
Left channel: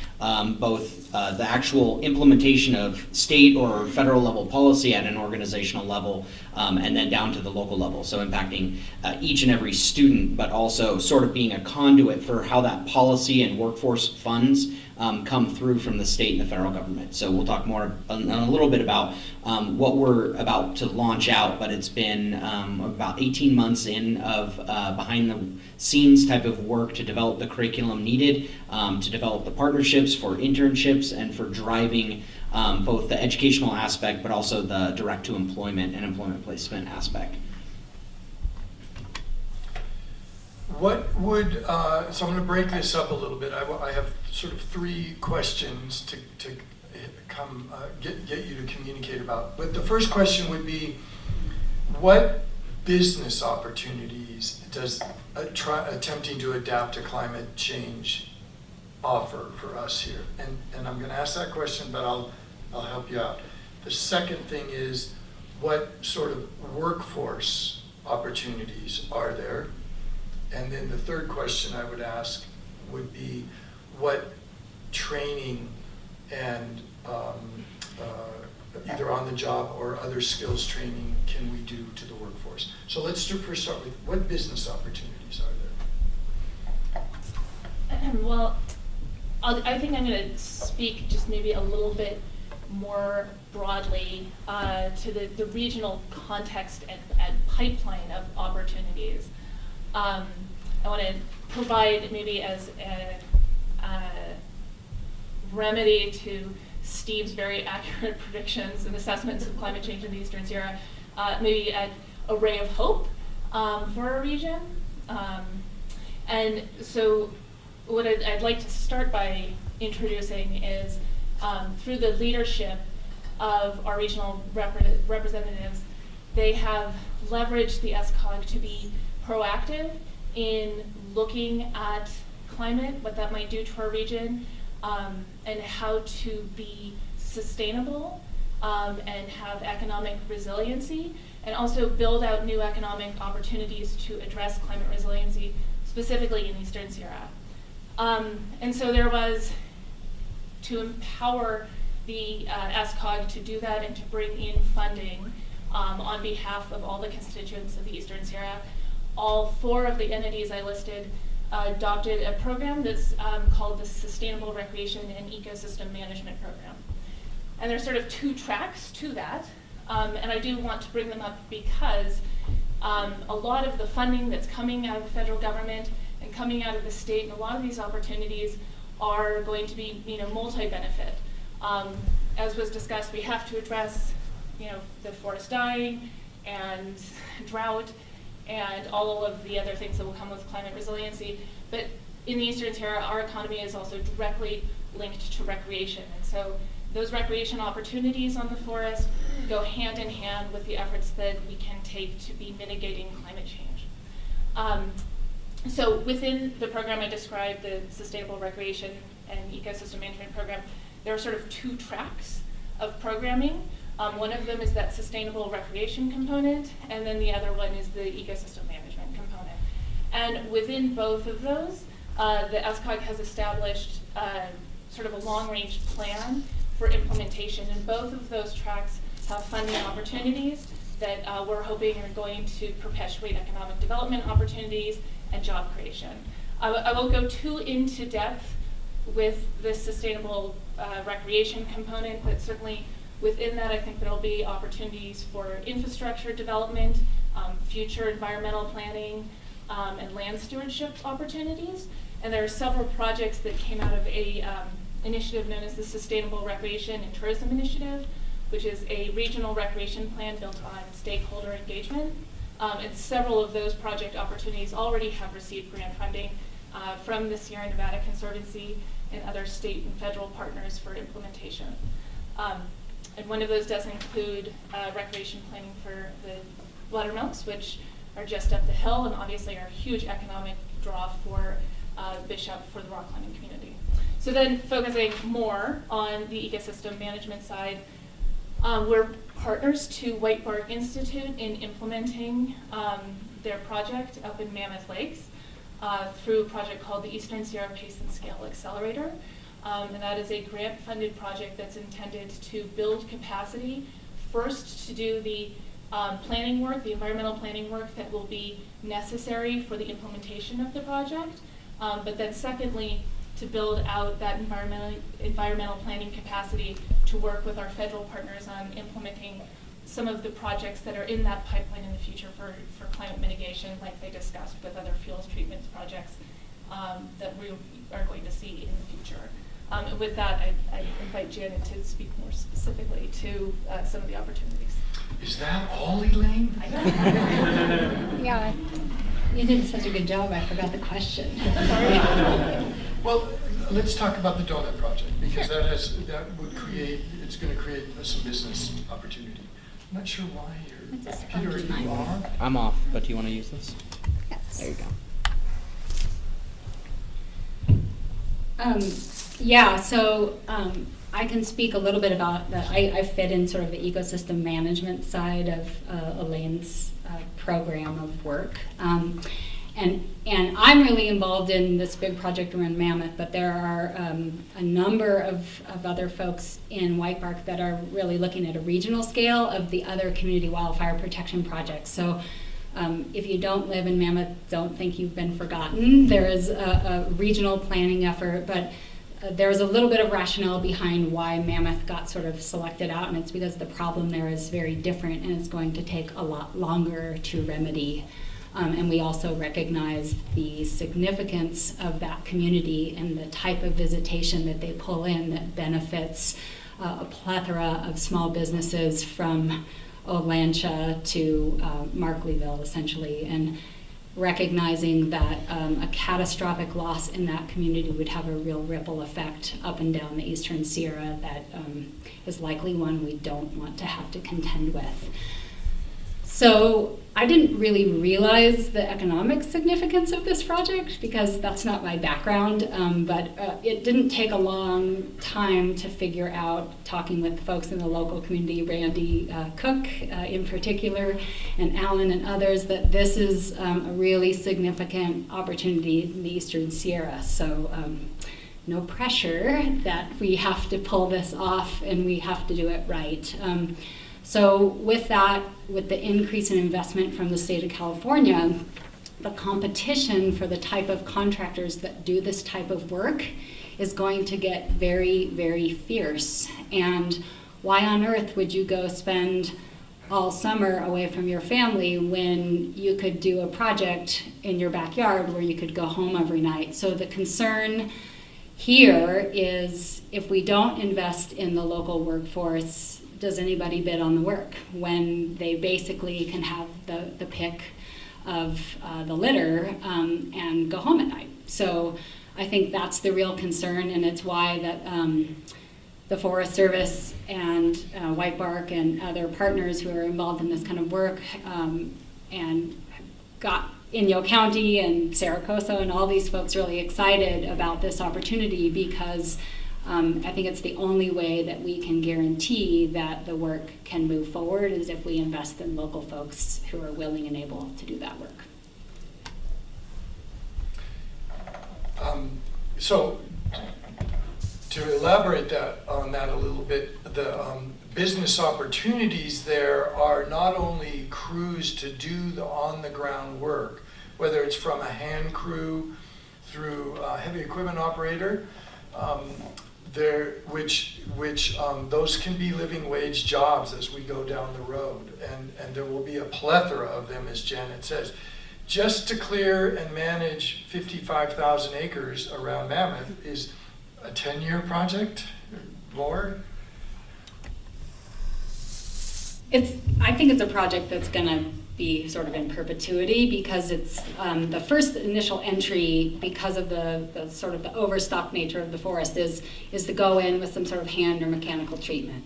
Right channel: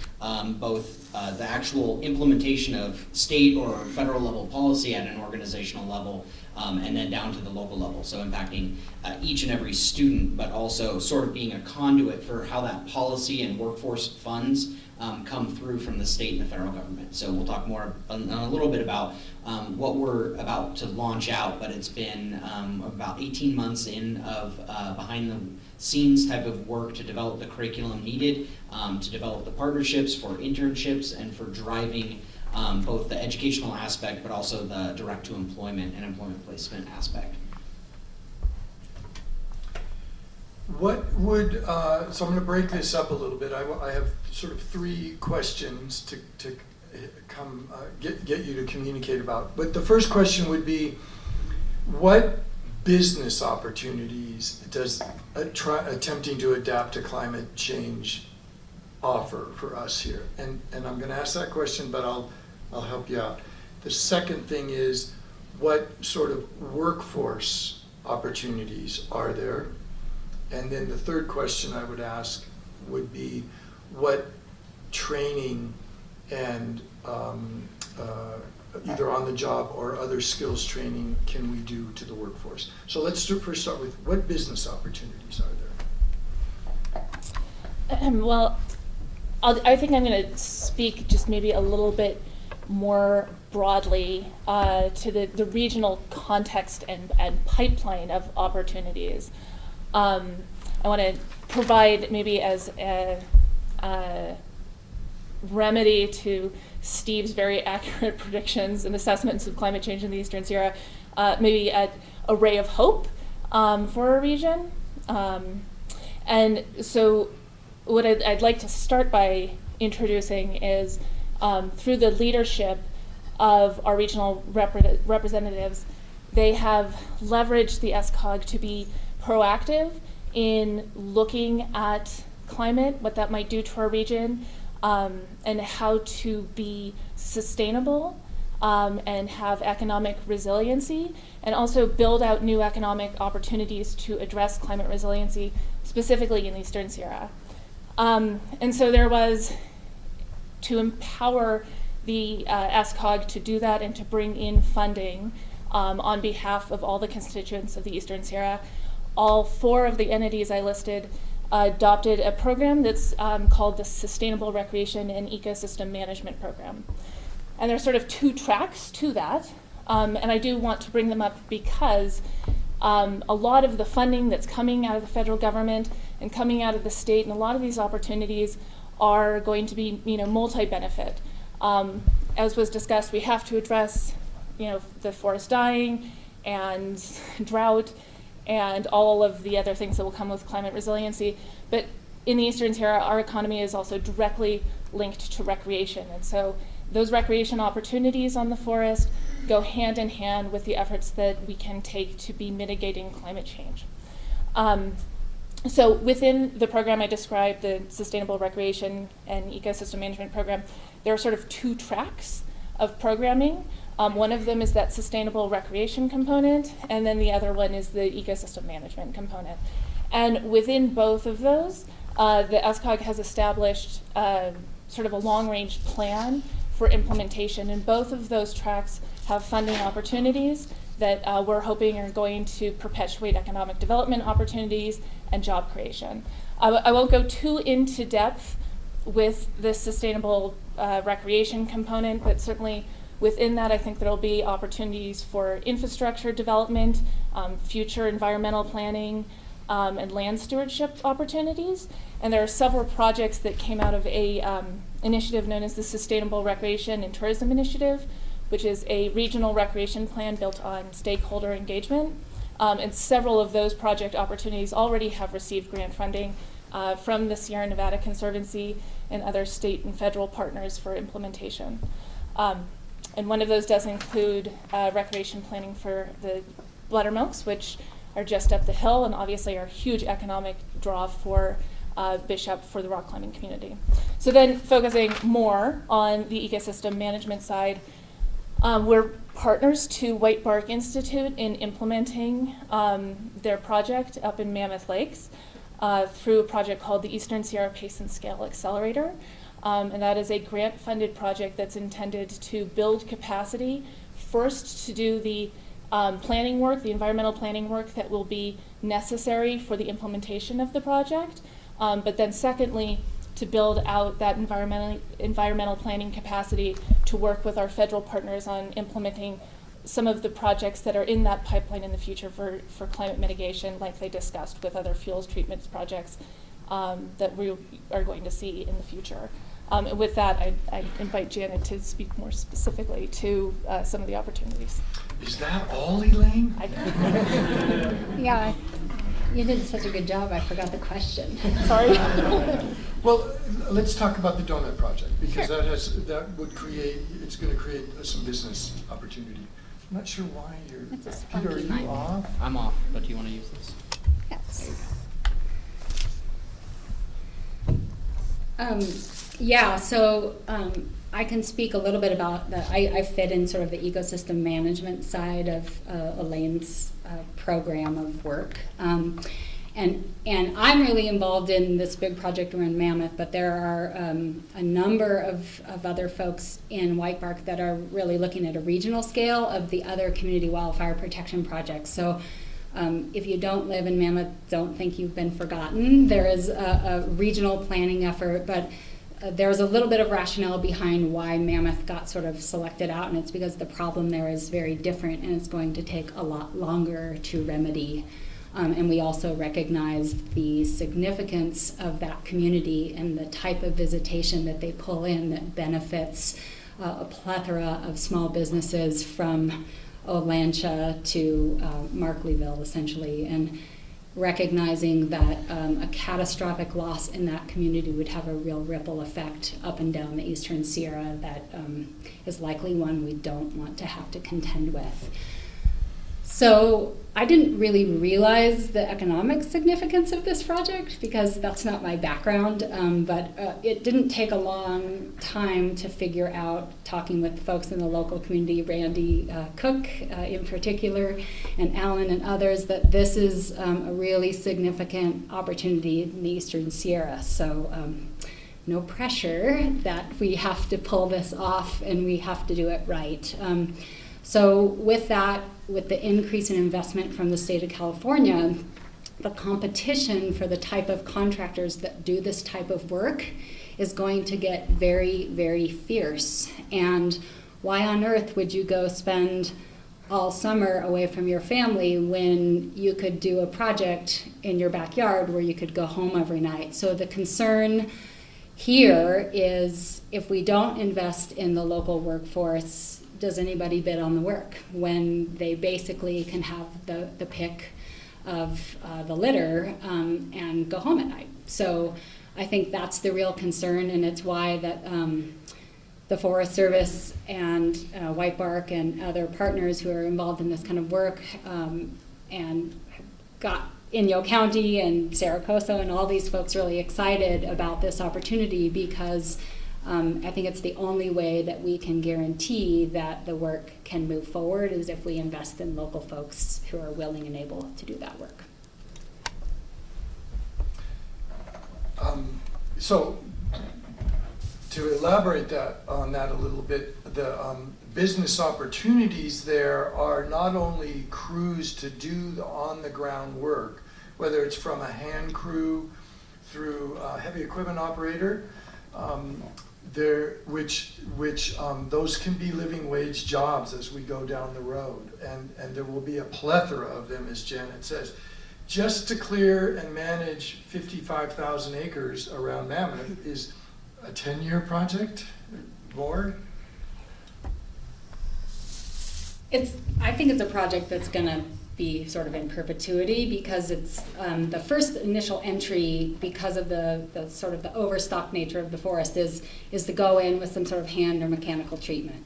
both the actual implementation of state or federal level policy at an organizational level and then down to the local level. So impacting each and every student, but also sort of being a conduit for how that policy and workforce funds come through from the state and the federal government. So we'll talk more a little bit about what we're about to launch out, but it's been about 18 months in of behind the scenes type of work to develop the curriculum needed, to develop the partnerships for internships and for driving both the educational aspect, but also the direct to employment and employment placement aspect. What would, so I'm going to break this up a little bit. I have sort of 3 questions to come get you to communicate about. But the first question would be, what business opportunities does attempting to adapt to climate change offer for us here? And I'm going to ask that question, but I'll help you out. The second thing is, what sort of workforce opportunities are there? And then the third question I would ask would be, what training and either on the job or other skills training can we do to the workforce? So let's first start with, what business opportunities are there? Well, I think I'm going to speak just maybe a little bit more broadly to the regional context and pipeline of opportunities. I want to provide maybe as a remedy to Steve's very accurate predictions and assessments of climate change in the Eastern Sierra, maybe a ray of hope for our region. And so what I'd like to start by introducing is through the leadership of our regional representatives, they have leveraged the SCOG to be proactive in looking at climate, what that might do to our region, and how to be sustainable and have economic resiliency, and also build out new economic opportunities to address climate resiliency, specifically in Eastern Sierra. And so there was, to empower the SCOG to do that and to bring in funding on behalf of all the constituents of the Eastern Sierra, all 4 of the entities I listed adopted a program that's called the Sustainable Recreation and Ecosystem Management Program. And there's sort of 2 tracks to that, and I do want to bring them up because a lot of the funding that's coming out of the federal government and coming out of the state, and a lot of these opportunities are going to be, multi-benefit. As was discussed, we have to address, the forest dying and drought and all of the other things that will come with climate resiliency. But in the Eastern Sierra, our economy is also directly linked to recreation. And so those recreation opportunities on the forest go hand in hand with the efforts that we can take to be mitigating climate change. So within the program I described, the Sustainable Recreation and Ecosystem Management Program, there are sort of 2 tracks of programming. One of them is that sustainable recreation component, and then the other one is the ecosystem management component. And within both of those, the SCOG has established sort of a long-range plan for implementation, and both of those tracks have funding opportunities that we're hoping are going to perpetuate economic development opportunities and job creation. I won't go too into depth with the sustainable recreation component, but certainly within that, I think there'll be opportunities for infrastructure development, future environmental planning, and land stewardship opportunities. And there are several projects that came out of a initiative known as the Sustainable Recreation and Tourism Initiative, which is a regional recreation plan built on stakeholder engagement. And several of those project opportunities already have received grant funding from the Sierra Nevada Conservancy and other state and federal partners for implementation. And one of those does include recreation planning for the buttermilks, which are just up the hill and obviously are a huge economic draw for Bishop, for the rock climbing community. So then focusing more on the ecosystem management side, we're partners to White Bark Institute in implementing their project up in Mammoth Lakes through a project called the Eastern Sierra Pace and Scale Accelerator. And that is a grant-funded project that's intended to build capacity, first to do the planning work, the environmental planning work that will be necessary for the implementation of the project, but then secondly, to build out that environmental planning capacity to work with our federal partners on implementing some of the projects that are in that pipeline in the future for climate mitigation, like they discussed with other fuels treatments projects that we are going to see in the future. And with that, I invite Janet to speak more specifically to some of the opportunities. Is that all, Elaine? Yeah, you did such a good job, I forgot the question. Sorry. Well, let's talk about the donut project, because it's going to create some business opportunity. I'm not sure why It's a you're, spunky Peter, mic. you are? I'm off, but do you want to use this? Yes. There you go. Yeah, so I can speak a little bit about that. I fit in sort of the ecosystem management side of Elaine's program of work. And I'm really involved in this big project around Mammoth, but there are a number of other folks in White Bark that are really looking at a regional scale of the other community wildfire protection projects. So if you don't live in Mammoth, don't think you've been forgotten. There is a regional planning effort, but there's a little bit of rationale behind why Mammoth got sort of selected out, and it's because the problem there is very different and it's going to take a lot longer to remedy. And we also recognize the significance of that community and the type of visitation that they pull in that benefits a plethora of small businesses from Olancha to Markleyville, essentially, and recognizing that a catastrophic loss in that community would have a real ripple effect up and down the Eastern Sierra that is likely one we don't want to have to contend with. So I didn't really realize the economic significance of this project because that's not my background, but it didn't take a long time to figure out, talking with folks in the local community, Randy Cook in particular, and Alan and others, that this is a really significant opportunity in the Eastern Sierra. So no pressure that we have to pull this off and we have to do it right. So with that, with the increase in investment from the state of California, the competition for the type of contractors that do this type of work is going to get very, very fierce. And why on earth would you go spend all summer away from your family when you could do a project in your backyard where you could go home every night? So the concern here is if we don't invest in the local workforce, does anybody bid on the work when they basically can have the pick of the litter and go home at night? So I think that's the real concern, and it's why that the Forest Service and White Bark and other partners who are involved in this kind of work and got Inyo County and Saracosa and all these folks really excited about this opportunity because I think it's the only way that we can guarantee that the work can move forward is if we invest in local folks who are willing and able to do that work. So to elaborate on that a little bit, the business opportunities there are not only crews to do the on-the-ground work, whether it's from a hand crew through a heavy equipment operator, those can be living wage jobs as we go down the road, and there will be a plethora of them, as Janet says. Just to clear and manage 55,000 acres around Mammoth is a 10-year project, more? I think it's a project that's going to be sort of in perpetuity because it's the first initial entry, because of the sort of the overstock nature of the forest, is to go in with some sort of hand or mechanical treatment.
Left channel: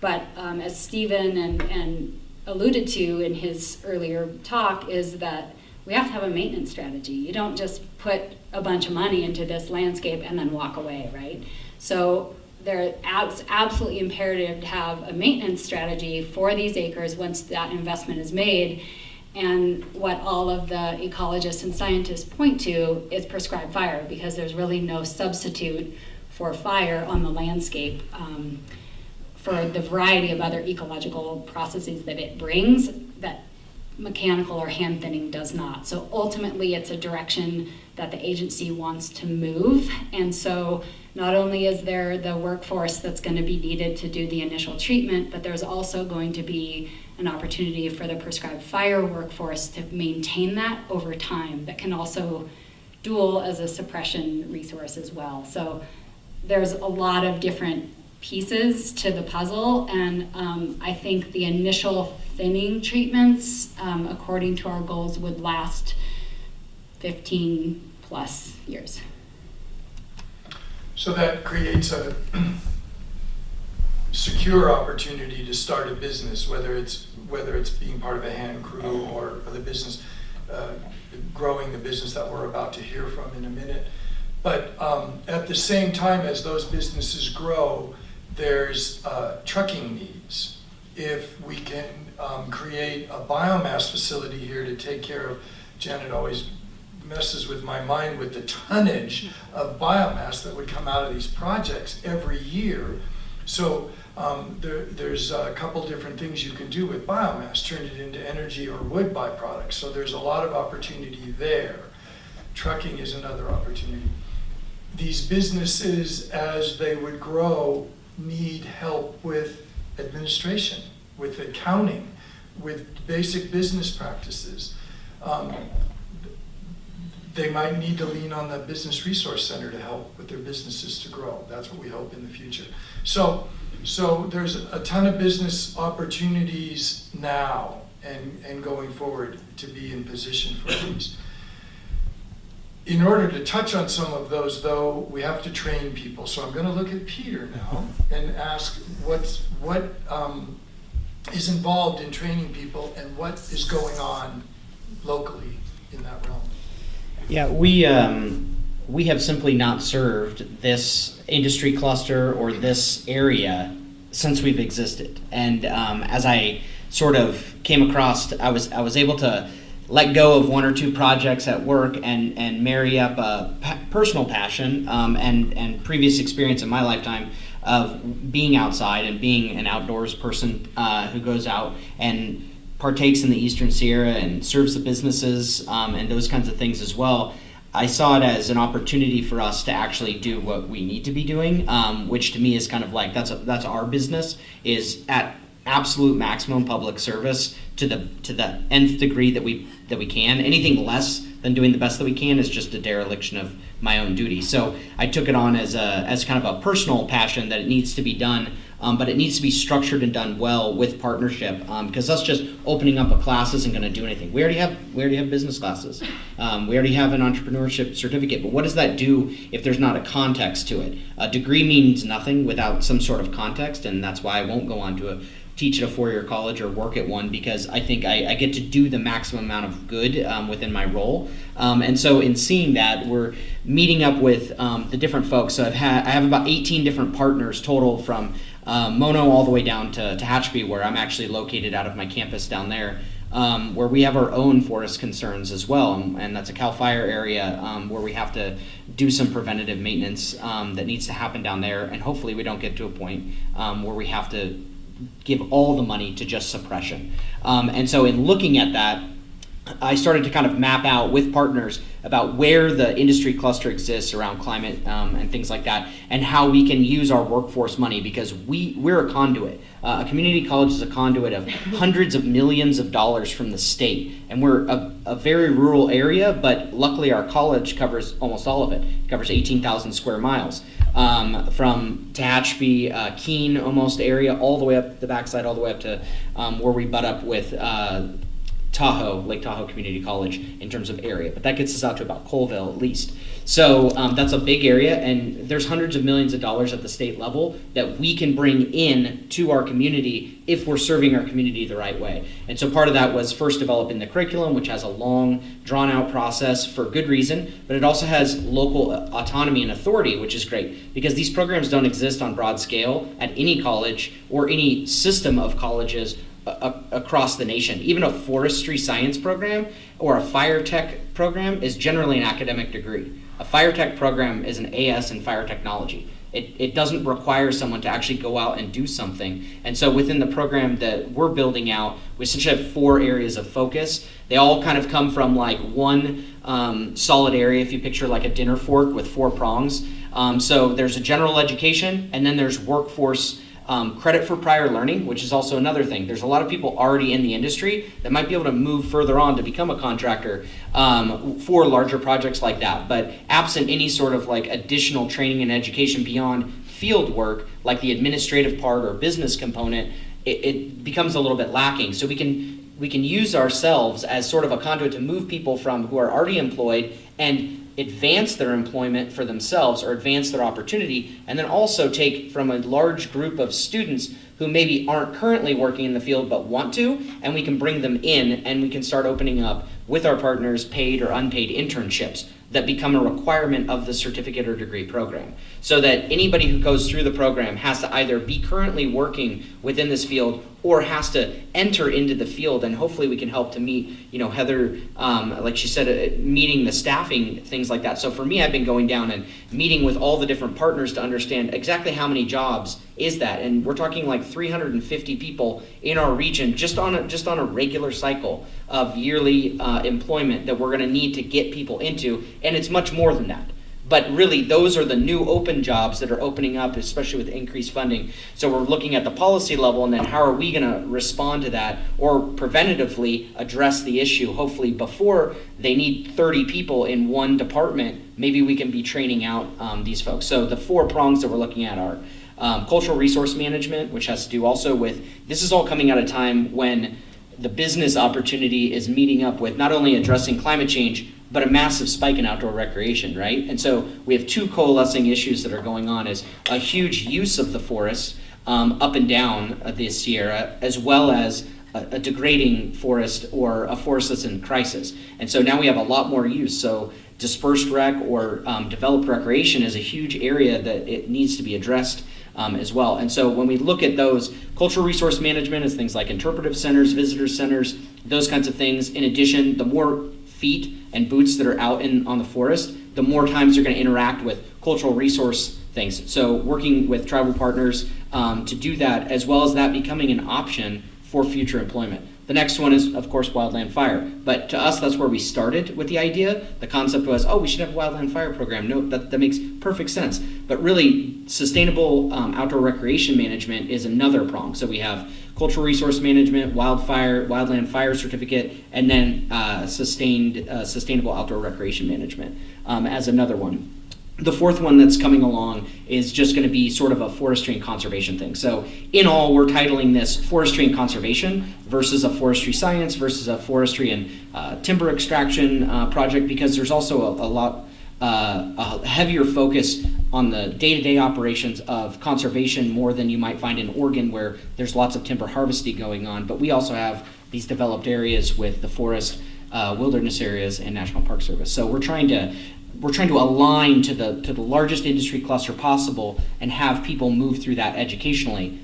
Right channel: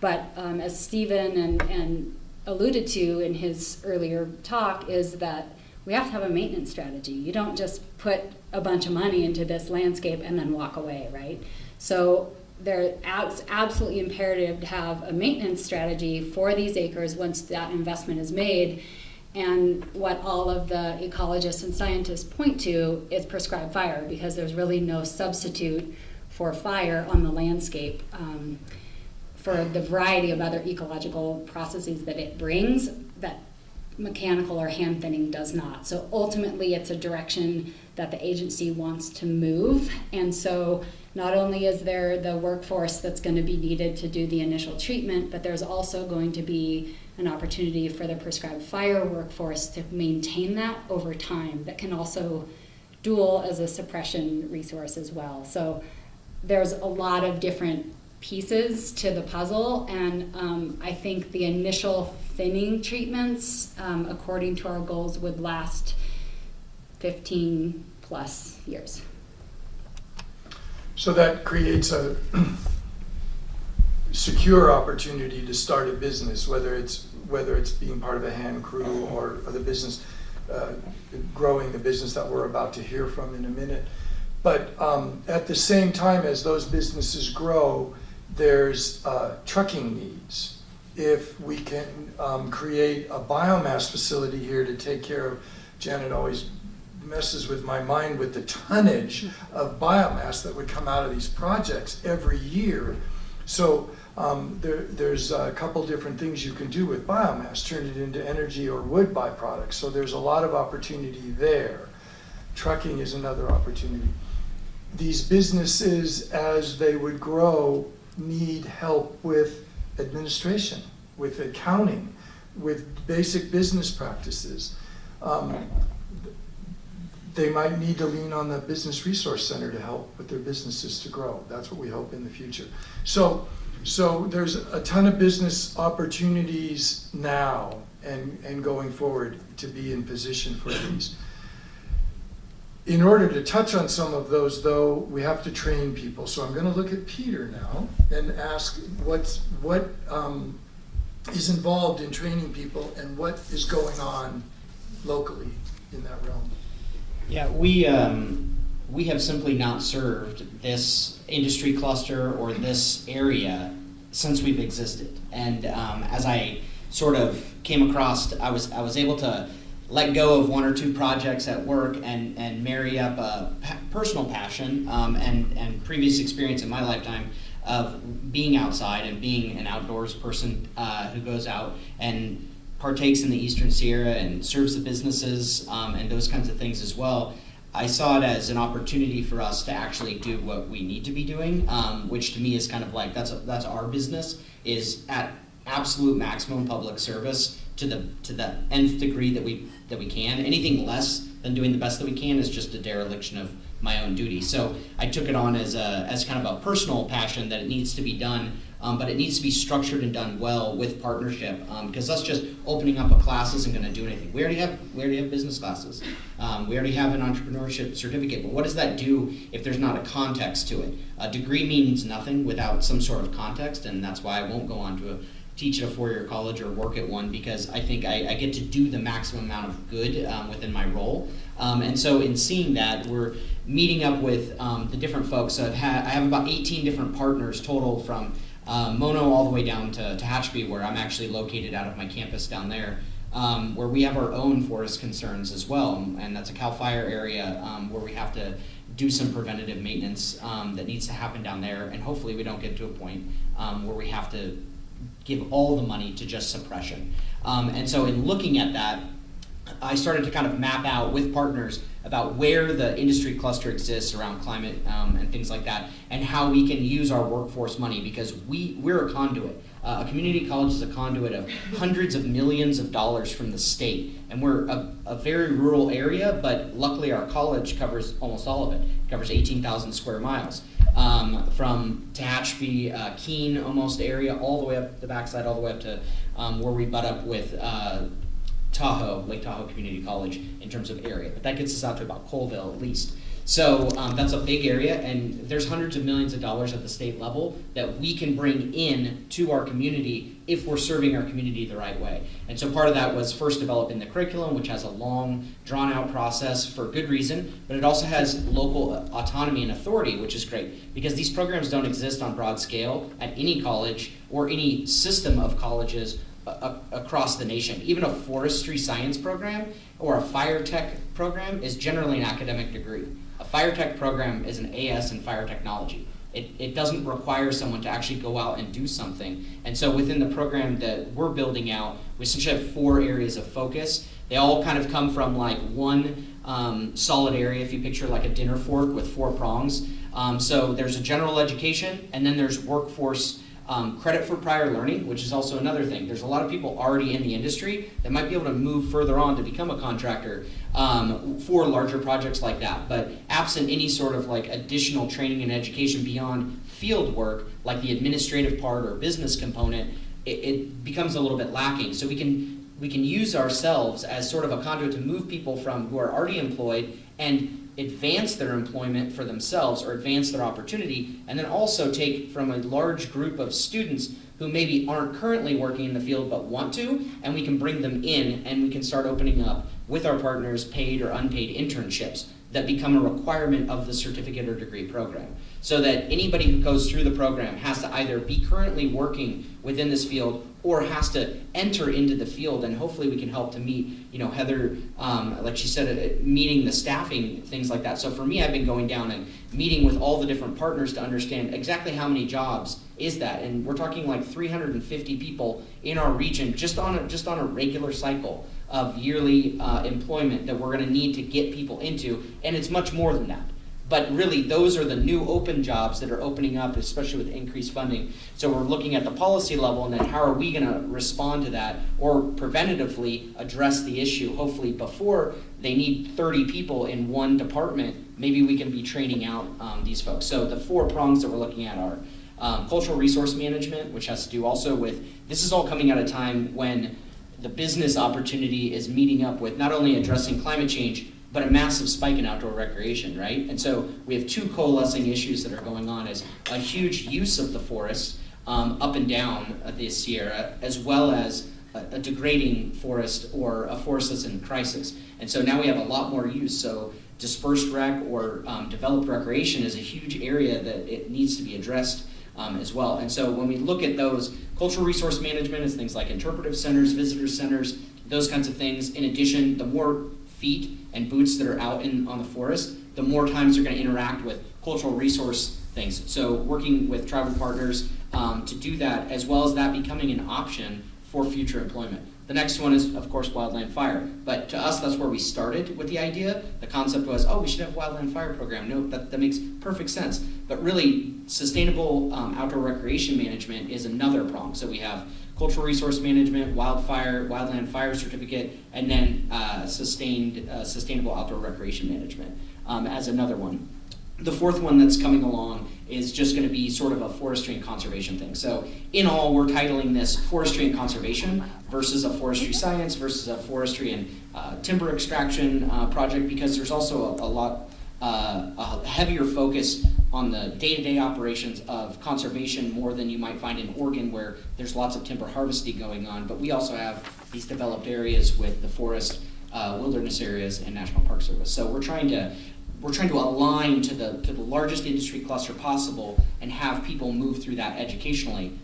But as Stephen and alluded to in his earlier talk is that we have to have a maintenance strategy. You don't just put a bunch of money into this landscape and then walk away, right? So it's absolutely imperative to have a maintenance strategy for these acres once that investment is made. And what all of the ecologists and scientists point to is prescribed fire, because there's really no substitute for fire on the landscape for the variety of other ecological processes that it brings that mechanical or hand thinning does not. So ultimately it's a direction that the agency wants to move. And so not only is there the workforce that's going to be needed to do the initial treatment, but there's also going to be an opportunity for the prescribed fire workforce to maintain that over time, that can also dual as a suppression resource as well. So there's a lot of different pieces to the puzzle, and I think the initial thinning treatments, according to our goals, would last 15 plus years. So that creates a secure opportunity to start a business, whether it's being part of a hand crew or the business, growing the business that we're about to hear from in a minute. But at the same time as those businesses grow, there's trucking needs. If we can create a biomass facility here to take care of, Janet always messes with my mind with the tonnage of biomass that would come out of these projects every year. So there's a couple different things you can do with biomass, turn it into energy or wood byproducts. So there's a lot of opportunity there. Trucking is another opportunity. These businesses, as they would grow, need help with administration, with accounting, with basic business practices. They might need to lean on the Business Resource Center to help with their businesses to grow. That's what we hope in the future. So there's a ton of business opportunities now and going forward to be in position for these. In order to touch on some of those, though, we have to train people. So I'm going to look at Peter now and ask what is involved in training people and what is going on locally in that realm. Yeah, we have simply not served this industry cluster or this area since we've existed. And as I sort of came across, I was able to let go of one or two projects at work and marry up a personal passion and previous experience in my lifetime of being outside and being an outdoors person who goes out and partakes in the Eastern Sierra and serves the businesses and those kinds of things as well. I saw it as an opportunity for us to actually do what we need to be doing, which to me is kind of like that's our business, is at absolute maximum public service to the nth degree that we can. Anything less than doing the best that we can is just a dereliction of my own duty. So I took it on as kind of a personal passion that it needs to be done, but it needs to be structured and done well with partnership. Because us just opening up a class isn't going to do anything. We already have business classes. We already have an entrepreneurship certificate. But what does that do if there's not a context to it? A degree means nothing without some sort of context, and that's why I won't go on to teach at a four-year college or work at one, because I think I get to do the maximum amount of good within my role. And so in seeing that, we're meeting up with the different folks. So I have about 18 different partners total, from Mono all the way down to Tehachapi, where I'm actually located out of my campus down there, where we have our own forest concerns as well. And that's a CAL FIRE area where we have to do some preventative maintenance that needs to happen down there. And hopefully we don't get to a point where we have to give all the money to just suppression. And so in looking at that, I started to kind of map out with partners about where the industry cluster exists around climate and things like that, and how we can use our workforce money, because we're a conduit. A community college is a conduit of hundreds of millions of dollars from the state, and we're a very rural area, but luckily our college covers almost all of it. It covers 18,000 square miles. From Tehachapi, Keene almost area, all the way up the backside, all the way up to where we butt up with Tahoe, Lake Tahoe Community College in terms of area, but that gets us out to about Colville at least. So that's a big area, and there's hundreds of millions of dollars at the state level that we can bring in to our community if we're serving our community the right way. And so part of that was first developing the curriculum, which has a long, drawn-out process for good reason, but it also has local autonomy and authority, which is great, because these programs don't exist on broad scale at any college or any system of colleges across the nation. Even a forestry science program or a fire tech program is generally an academic degree. A fire tech program is an AS in fire technology. It doesn't require someone to actually go out and do something. And so within the program that we're building out, we essentially have 4 areas of focus. They all kind of come from like one solid area, if you picture like a dinner fork with 4 prongs. So there's a general education, and then there's workforce credit for prior learning, which is also another thing. There's a lot of people already in the industry that might be able to move further on to become a contractor for larger projects like that. But absent any sort of like additional training and education beyond field work, like the administrative part or business component, it becomes a little bit lacking. So we can use ourselves as sort of a conduit to move people from who are already employed and advance their employment for themselves or advance their opportunity, and then also take from a large group of students who maybe aren't currently working in the field but want to, and we can bring them in and we can start opening up with our partners paid or unpaid internships that become a requirement of the certificate or degree program, so that anybody who goes through the program has to either be currently working within this field or has to enter into the field. And hopefully we can help to meet, Heather, like she said, meeting the staffing, things like that. So for me, I've been going down and meeting with all the different partners to understand exactly how many jobs is that. And we're talking like 350 people in our region just on a regular cycle of yearly employment that we're going to need to get people into, and it's much more than that. But really, those are the new open jobs that are opening up, especially with increased funding. So we're looking at the policy level, and then how are we going to respond to that or preventatively address the issue, hopefully before they need 30 people in one department. Maybe we can be training out these folks. So the 4 prongs that we're looking at are cultural resource management, which has to do also with, this is all coming at a time when the business opportunity is meeting up with not only addressing climate change, but a massive spike in outdoor recreation, right? And so we have 2 coalescing issues that are going on, is a huge use of the forest up and down the Sierra, as well as a degrading forest or a forest that's in crisis. And so now we have a lot more use. So dispersed rec or developed recreation is a huge area that it needs to be addressed as well. And so when we look at those, cultural resource management is things like interpretive centers, visitor centers, those kinds of things. In addition, the more feet and boots that are out on the forest, the more times you're going to interact with cultural resource things. So working with tribal partners to do that, as well as that becoming an option for future employment. The next one is, of course, wildland fire. But to us, that's where we started with the idea. The concept was, we should have a wildland fire program. No, that makes perfect sense. But really, sustainable outdoor recreation management is another prong. So we have cultural resource management, wildland fire certificate, and then sustainable outdoor recreation management as another one. The 4th one that's coming along is just going to be sort of a forestry and conservation thing. So in all, we're titling this forestry and conservation versus a forestry science versus a forestry and timber extraction project, because there's also a heavier focus on the day-to-day operations of conservation more than you might find in Oregon, where there's lots of timber harvesting going on. But we also have these developed areas with the forest, wilderness areas, and National Park Service. So we're trying to align to the largest industry cluster possible and have people move through that educationally.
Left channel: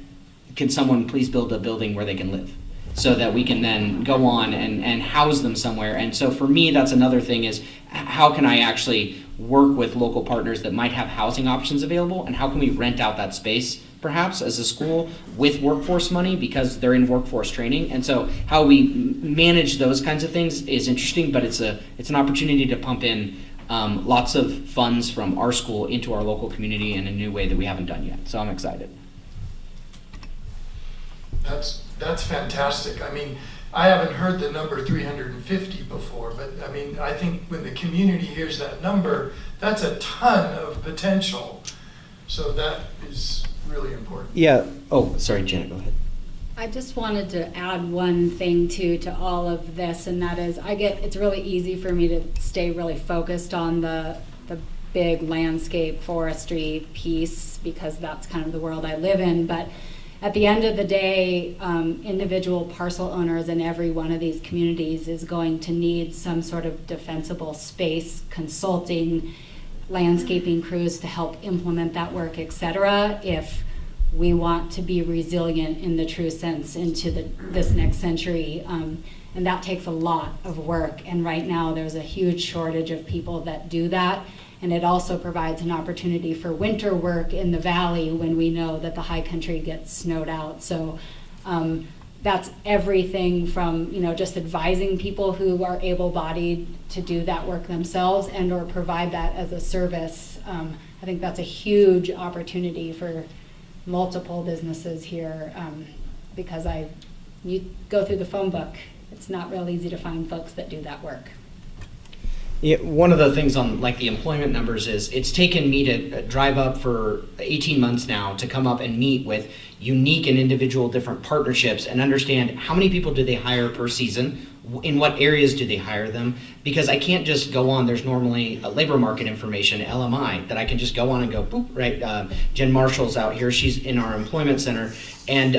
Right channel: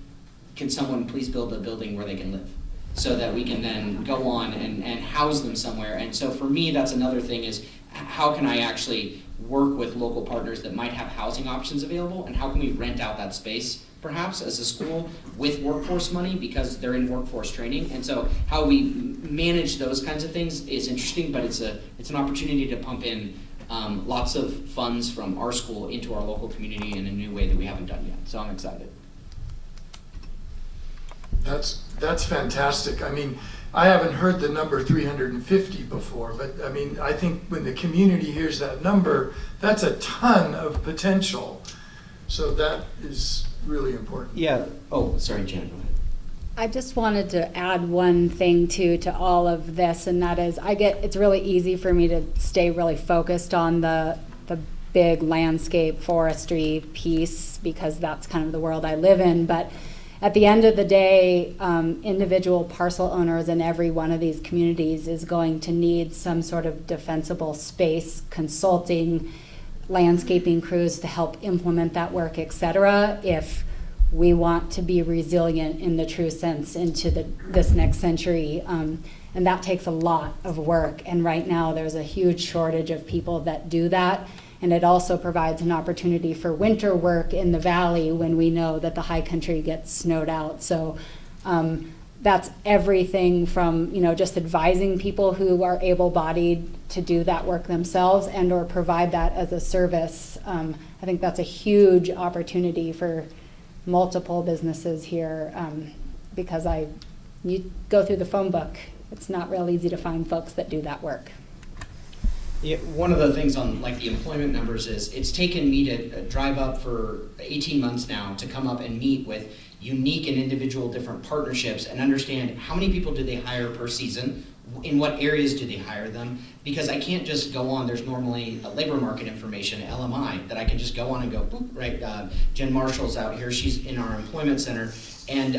Can someone please build a building where they can live, so that we can then go on and house them somewhere? And so for me, that's another thing, is how can I actually work with local partners that might have housing options available, and how can we rent out that space perhaps as a school with workforce money, because they're in workforce training. And so how we manage those kinds of things is interesting, but it's an opportunity to pump in lots of funds from our school into our local community in a new way that we haven't done yet. So I'm excited. That's fantastic. I mean, I haven't heard the number 350 before, but I mean, I think when the community hears that number, that's a ton of potential. So that is really important. Yeah. Oh, sorry, Janet, go ahead. I just wanted to add one thing too to all of this, and that is it's really easy for me to stay really focused on the big landscape forestry piece because that's kind of the world I live in. But at the end of the day, individual parcel owners in every one of these communities is going to need some sort of defensible space, consulting, landscaping crews to help implement that work, et cetera, if we want to be resilient in the true sense into this next century. And that takes a lot of work. And right now there's a huge shortage of people that do that. And it also provides an opportunity for winter work in the valley when we know that the high country gets snowed out. So that's everything from, just advising people who are able-bodied to do that work themselves and or provide that as a service. I think that's a huge opportunity for multiple businesses here because you go through the phone book. It's not real easy to find folks that do that work. Yeah, one of the things on like the employment numbers is it's taken me to drive up for 18 months now to come up and meet with unique and individual different partnerships and understand how many people do they hire per season, in what areas do they hire them, because I can't just go on, there's normally a labor market information, LMI, that I can just go on and go, boop, right, Jen Marshall's out here, she's in our employment center, and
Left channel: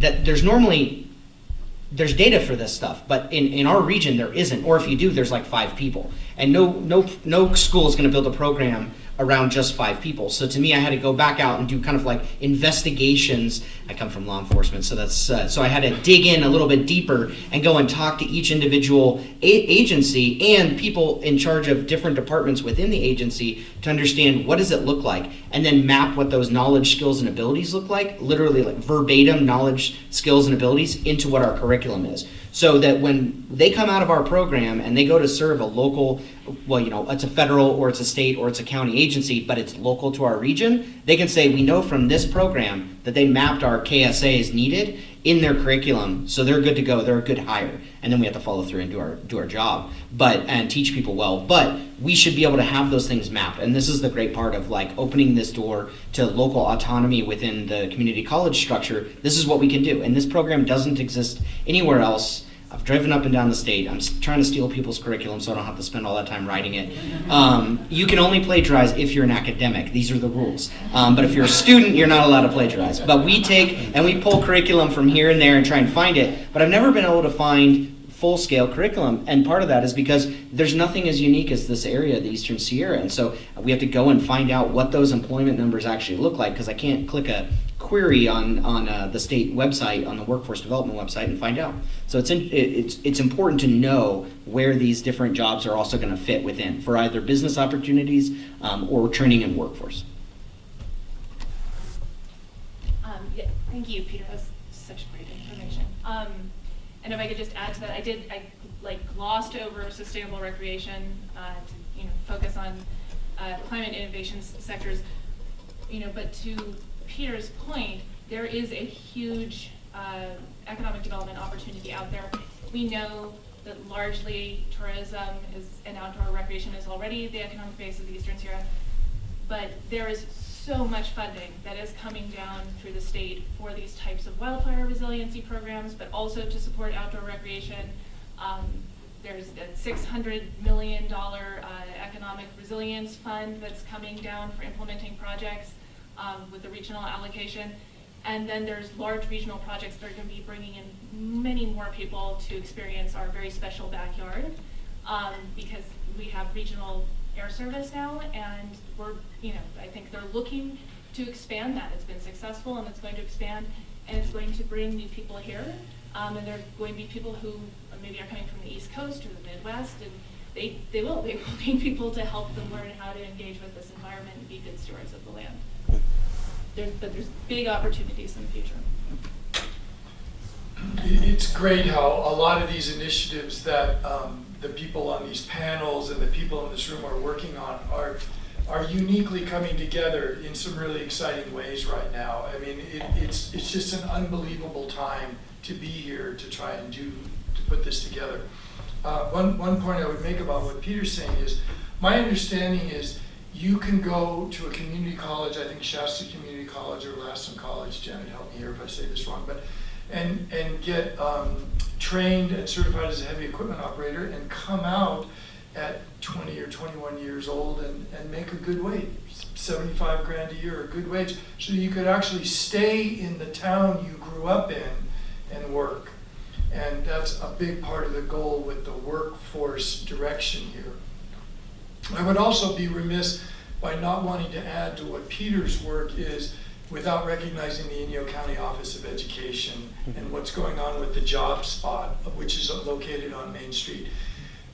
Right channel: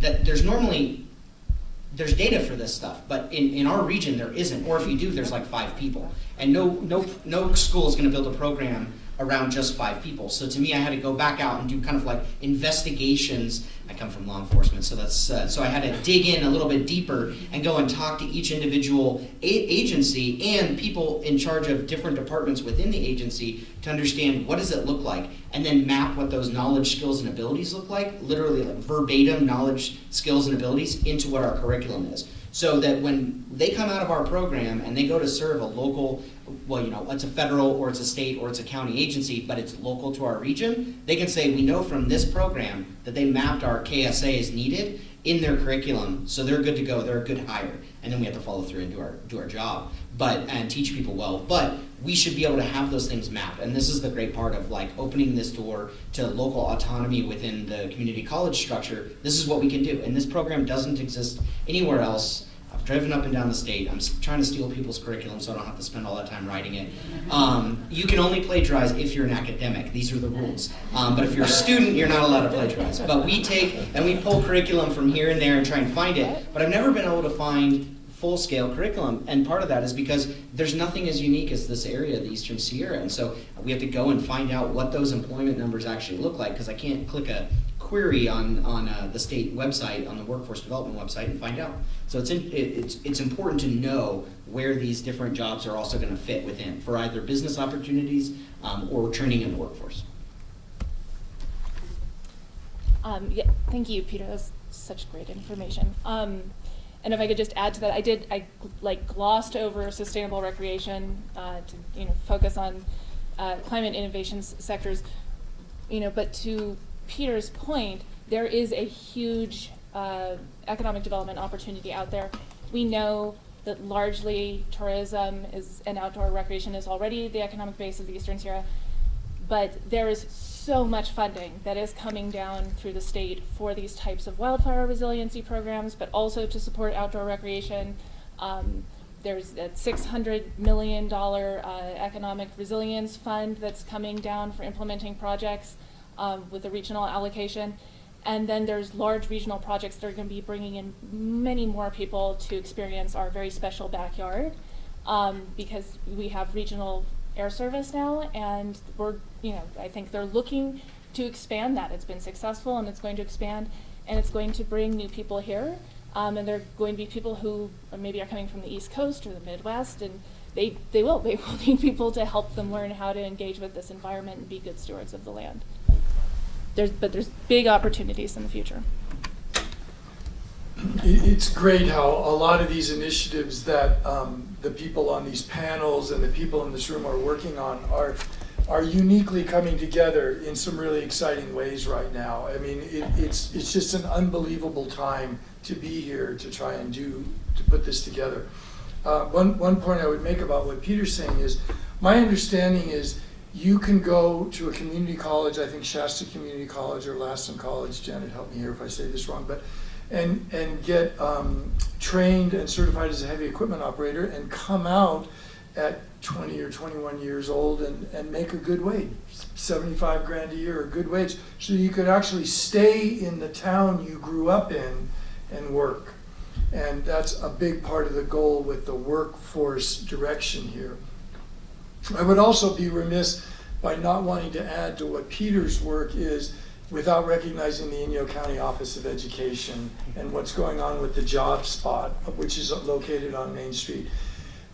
that there's data for this stuff, but in our region there isn't, or if you do, there's like 5 people. And no school is gonna build a program around just 5 people. So to me, I had to go back out and do kind of like investigations. I come from law enforcement, so that's so I had to dig in a little bit deeper and go and talk to each individual agency and people in charge of different departments within the agency to understand what does it look like, and then map what those knowledge, skills, and abilities look like, literally like verbatim knowledge, skills, and abilities into what our curriculum is. So that when they come out of our program and they go to serve a local, it's a federal or it's a state or it's a county agency, but it's local to our region, they can say, we know from this program that they mapped our KSA as needed in their curriculum, so they're good to go, they're a good hire. And then we have to follow through and do our job, and teach people well. But we should be able to have those things mapped. And this is the great part of like opening this door to local autonomy within the community college structure. This is what we can do. And this program doesn't exist anywhere else. I've driven up and down the state. I'm trying to steal people's curriculum so I don't have to spend all that time writing it. You can only plagiarize if you're an academic. These are the rules. But if you're a student, you're not allowed to plagiarize. But we take and we pull curriculum from here and there and try and find it. But I've never been able to find full-scale curriculum. And part of that is because there's nothing as unique as this area, the Eastern Sierra. And so we have to go and find out what those employment numbers actually look like, because I can't click a query on the state website, on the workforce development website, and find out. So it's important to know where these different jobs are also going to fit within for either business opportunities or training in workforce. Yeah, thank you, Peter. That was such great information. And if I could just add to that, I glossed over sustainable recreation to focus on climate innovation sectors, but to Peter's point, there is a huge economic development opportunity out there. We know that largely tourism and outdoor recreation is already the economic base of the Eastern Sierra, but there is so much funding that is coming down through the state for these types of wildfire resiliency programs, but also to support outdoor recreation. There's a $600 million economic resilience fund that's coming down for implementing projects with a regional allocation. And then there's large regional projects that are going to be bringing in many more people to experience our very special backyard because we have regional air service now, and I think they're looking to expand that. It's been successful and it's going to expand, and it's going to bring new people here. And they're going to be people who maybe are coming from the East Coast or the Midwest, and they will need people to help them learn how to engage with this environment and be good stewards of the land. There's big opportunities in the future. It's great how a lot of these initiatives that the people on these panels and the people in this room are working on are uniquely coming together in some really exciting ways right now. I mean, it's just an unbelievable time to be here to try and to put this together. One point I would make about what Peter's saying is, my understanding is you can go to a community college, I think Shasta Community College or Lassen College, Janet, help me here if I say this wrong, but and get trained and certified as a heavy equipment operator and come out at 20 or 21 years old and make a good wage, 75 grand a year, a good wage, so you could actually stay in the town you grew up in and work. And that's a big part of the goal with the workforce direction here. I would also be remiss by not wanting to add to what Peter's work is without recognizing the Inyo County Office of Education and what's going on with the Job Spot, which is located on Main Street.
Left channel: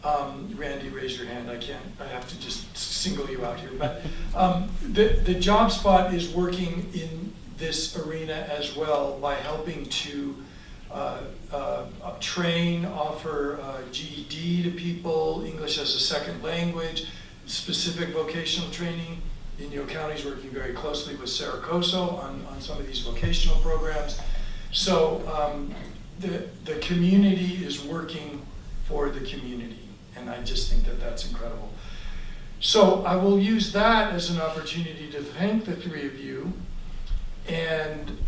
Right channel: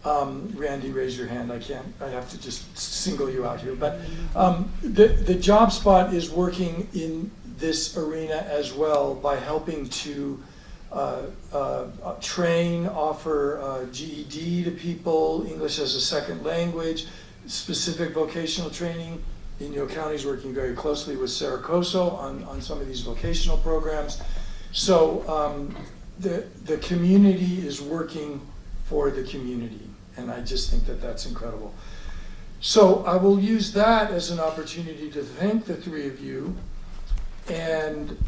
Randy, raise your hand. I have to just single you out here. But the Job Spot is working in this arena as well by helping to train, offer GED to people, English as a second language, specific vocational training. Inyo County is working very closely with Saracoso on some of these vocational programs. So the community is working for the community, and I just think that that's incredible. So I will use that as an opportunity to thank the three of you and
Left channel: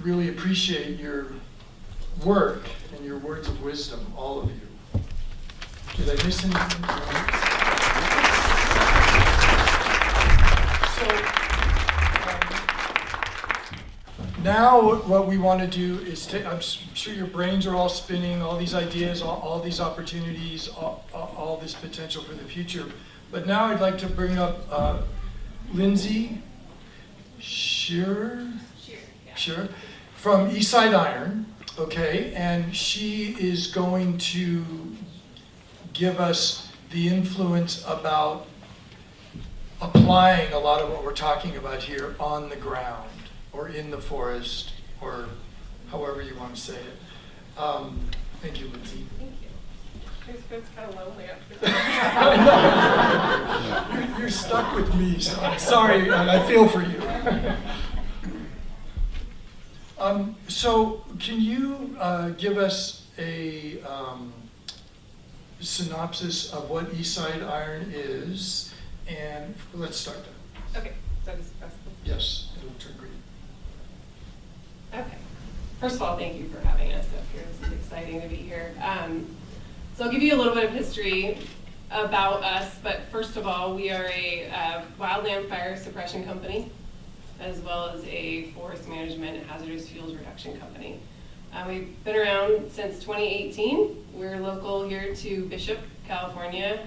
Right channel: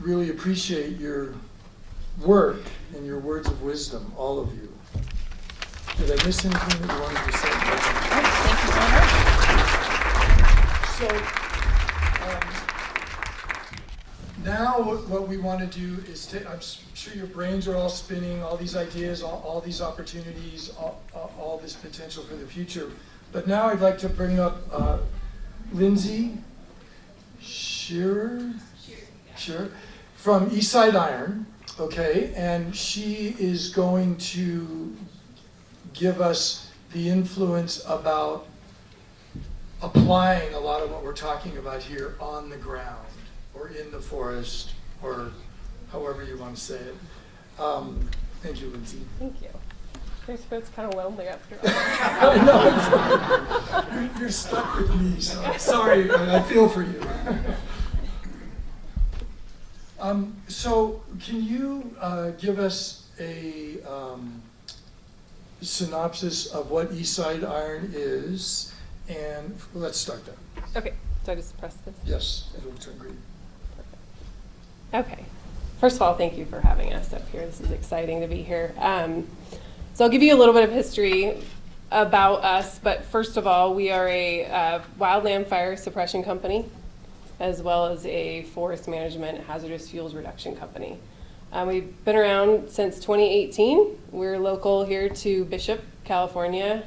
really appreciate your work and your words of wisdom, all of you. Did I miss anything that you wanted to say? So now what we want to do is I'm sure your brains are all spinning, all these ideas, all these opportunities, all this potential for the future. But now I'd like to bring up Lindsay Shearer from Eastside Iron, okay, and she is going to give us the influence about applying a lot of what we're talking about here on the ground or in the forest or however you want to say it. Thank you, Lindsay. Thank you. It's kind of lonely up here. You're stuck with me, so I'm sorry, and I feel for you. So can you give us a synopsis of what Eastside Iron is? And let's start there. Okay, so I just press this? Yes, it'll turn green. Okay. First of all, thank you for having us up here. This is exciting to be here. So I'll give you a little bit of history about us, but first of all, we are a wildland fire suppression company, as well as a forest management and hazardous fuels reduction company. We've been around since 2018. We're local here to Bishop, California.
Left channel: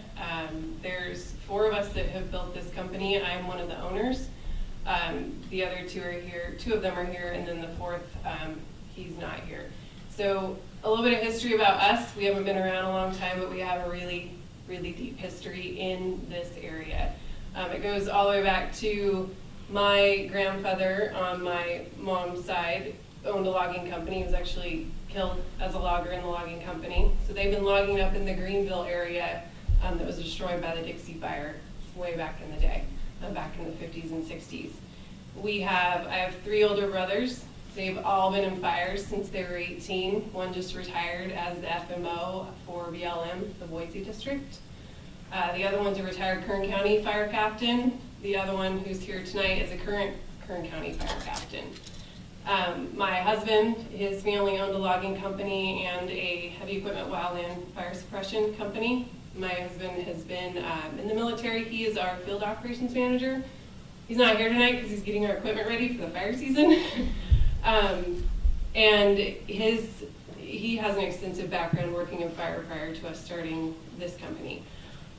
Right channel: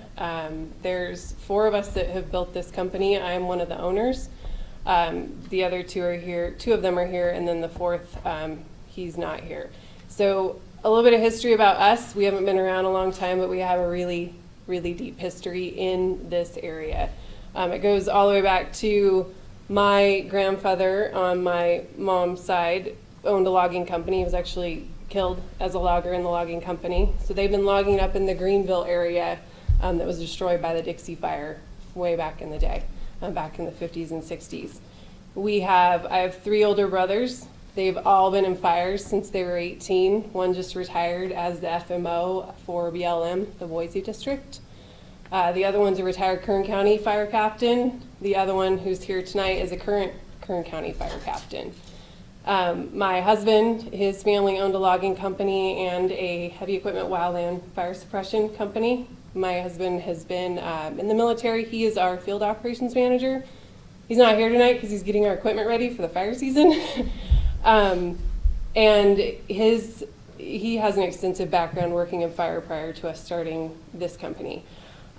There's 4 of us that have built this company. I am one of the owners. The other 2 are here, 2 of them are here, and then the 4th, he's not here. So a little bit of history about us. We haven't been around a long time, but we have a really, really deep history in this area. It goes all the way back to my grandfather on my mom's side owned a logging company. He was actually killed as a logger in the logging company. So they've been logging up in the Greenville area that was destroyed by the Dixie Fire way back in the day, back in the 50s and 60s. I have 3 older brothers. They've all been in fires since they were 18. One just retired as the FMO for BLM, the Boise district. The other one's a retired Kern County fire captain. The other one who's here tonight is a current Kern County fire captain. My husband, his family owned a logging company and a heavy equipment wildland fire suppression company. My husband has been in the military. He is our field operations manager. He's not here tonight because he's getting our equipment ready for the fire season. And he has an extensive background working in fire prior to us starting this company.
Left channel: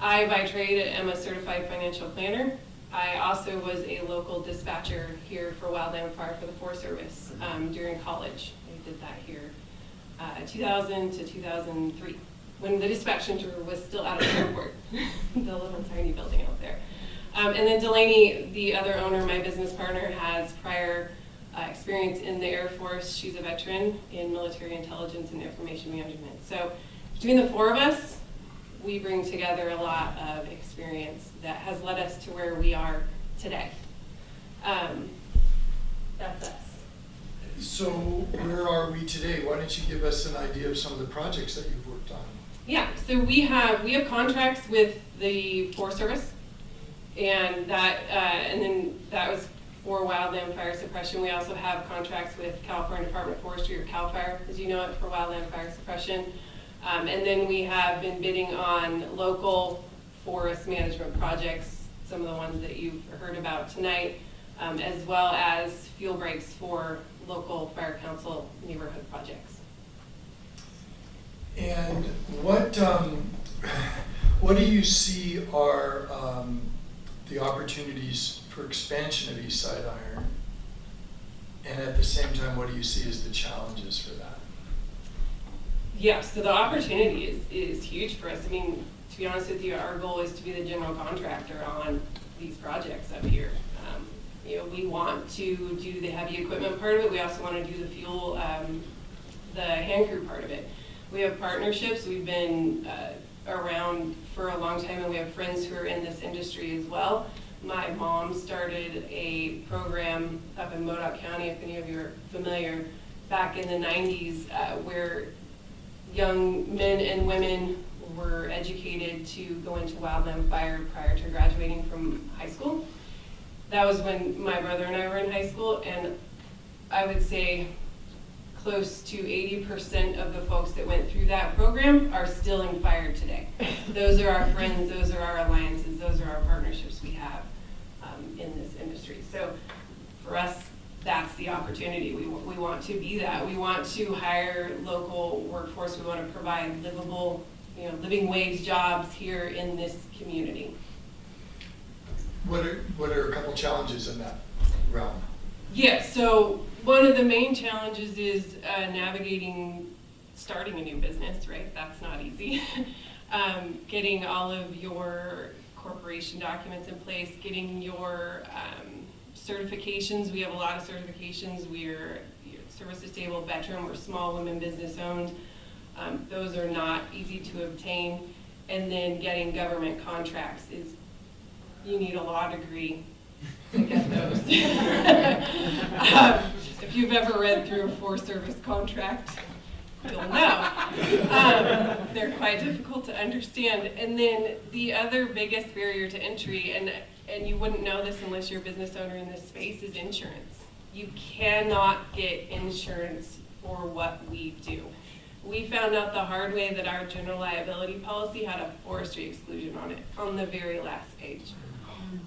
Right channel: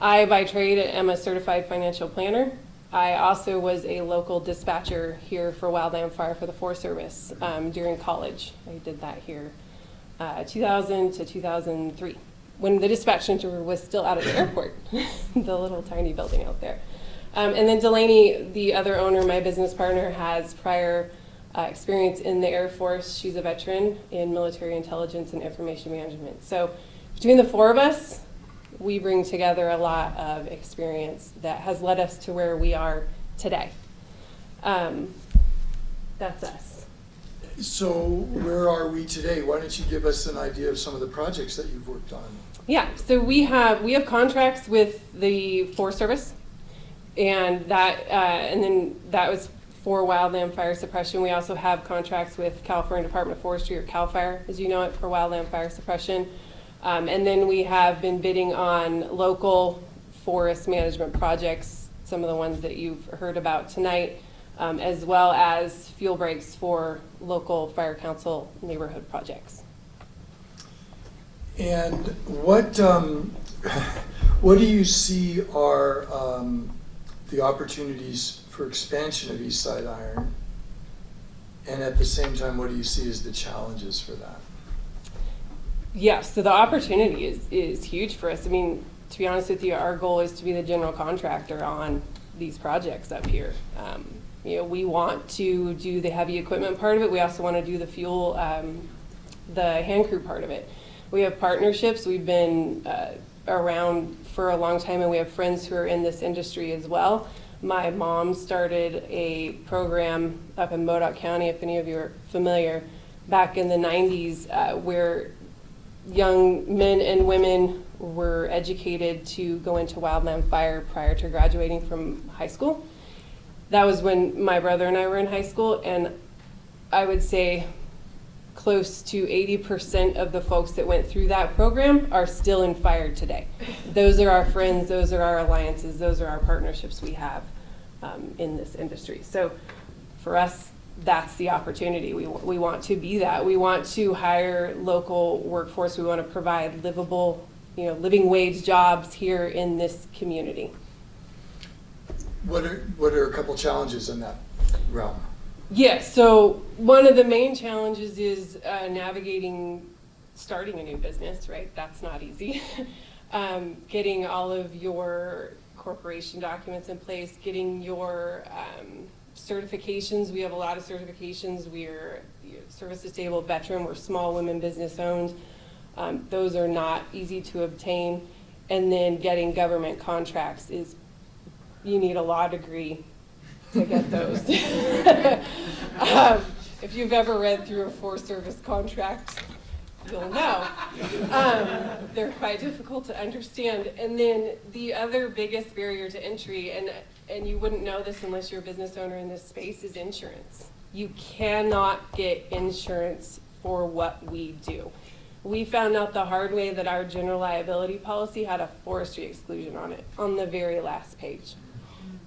I, by trade, am a certified financial planner. I also was a local dispatcher here for wildland fire for the Forest Service during college. I did that here 2000 to 2003, when the dispatch center was still out of the airport, the little tiny building out there. And then Delaney, the other owner, my business partner, has prior experience in the Air Force. She's a veteran in military intelligence and information management. So between the 4 of us, we bring together a lot of experience that has led us to where we are today. That's us. So where are we today? Why don't you give us an idea of some of the projects that you've worked on? Yeah, so we have contracts with the Forest Service, and that was for wildland fire suppression. We also have contracts with California Department of Forestry, or CAL FIRE, as you know it, for wildland fire suppression. And then we have been bidding on local forest management projects, some of the ones that you've heard about tonight, as well as fuel breaks for local fire council neighborhood projects. And what do you see are the opportunities for expansion of East Side Iron? And at the same time, what do you see as the challenges for that? Yeah, so the opportunity is huge for us. I mean, to be honest with you, our goal is to be the general contractor on these projects up here. You know, we want to do the heavy equipment part of it. We also want to do the fuel, the hand crew part of it. We have partnerships. We've been around for a long time, and we have friends who are in this industry as well. My mom started a program up in Modoc County, if any of you are familiar, back in the 90s, where young men and women were educated to go into wildland fire prior to graduating from high school. That was when my brother and I were in high school, and I would say close to 80% of the folks that went through that program are still in fire today. Those are our friends, those are our alliances, those are our partnerships we have in this industry. So for us, that's the opportunity. We want to be that. We want to hire local workforce. We want to provide livable, living wage jobs here in this community. What are a couple challenges in that realm? Yeah, so one of the main challenges is navigating starting a new business, right? That's not easy. Getting all of your corporation documents in place, getting your certifications. We have a lot of certifications. We're service-disabled veteran. We're small women business owned. Those are not easy to obtain. And then getting government contracts is, you need a law degree to get those. If you've ever read through a Forest Service contract, you'll know. They're quite difficult to understand. And then the other biggest barrier to entry, and you wouldn't know this unless you're a business owner in this space, is insurance. You cannot get insurance for what we do. We found out the hard way that our general liability policy had a forestry exclusion on it on the very last page.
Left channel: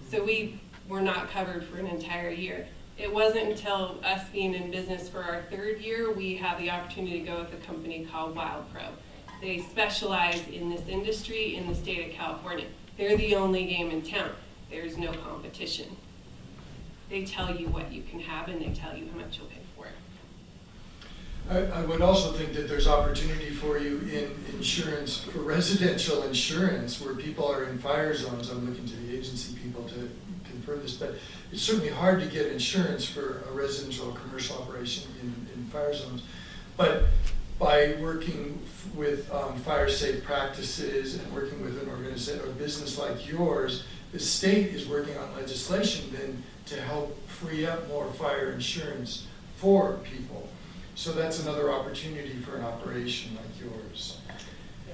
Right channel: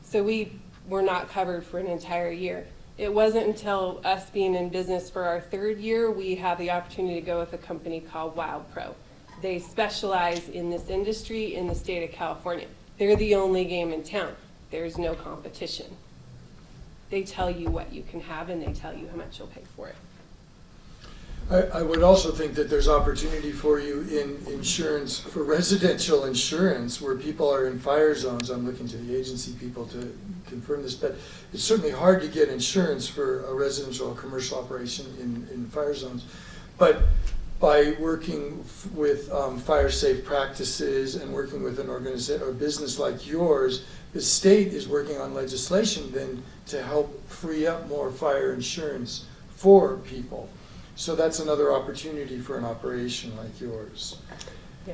So we were not covered for an entire year. It wasn't until us being in business for our third year, we had the opportunity to go with a company called WildPro. They specialize in this industry in the state of California. They're the only game in town. There's no competition. They tell you what you can have, and they tell you how much you'll pay for it. I would also think that there's opportunity for you in insurance, for residential insurance, where people are in fire zones. I'm looking to the agency people to confirm this, but it's certainly hard to get insurance for a residential or commercial operation in fire zones. But by working with fire safe practices and working with an organization or business like yours, the state is working on legislation then to help free up more fire insurance for people. So that's another opportunity for an operation like yours. Yeah.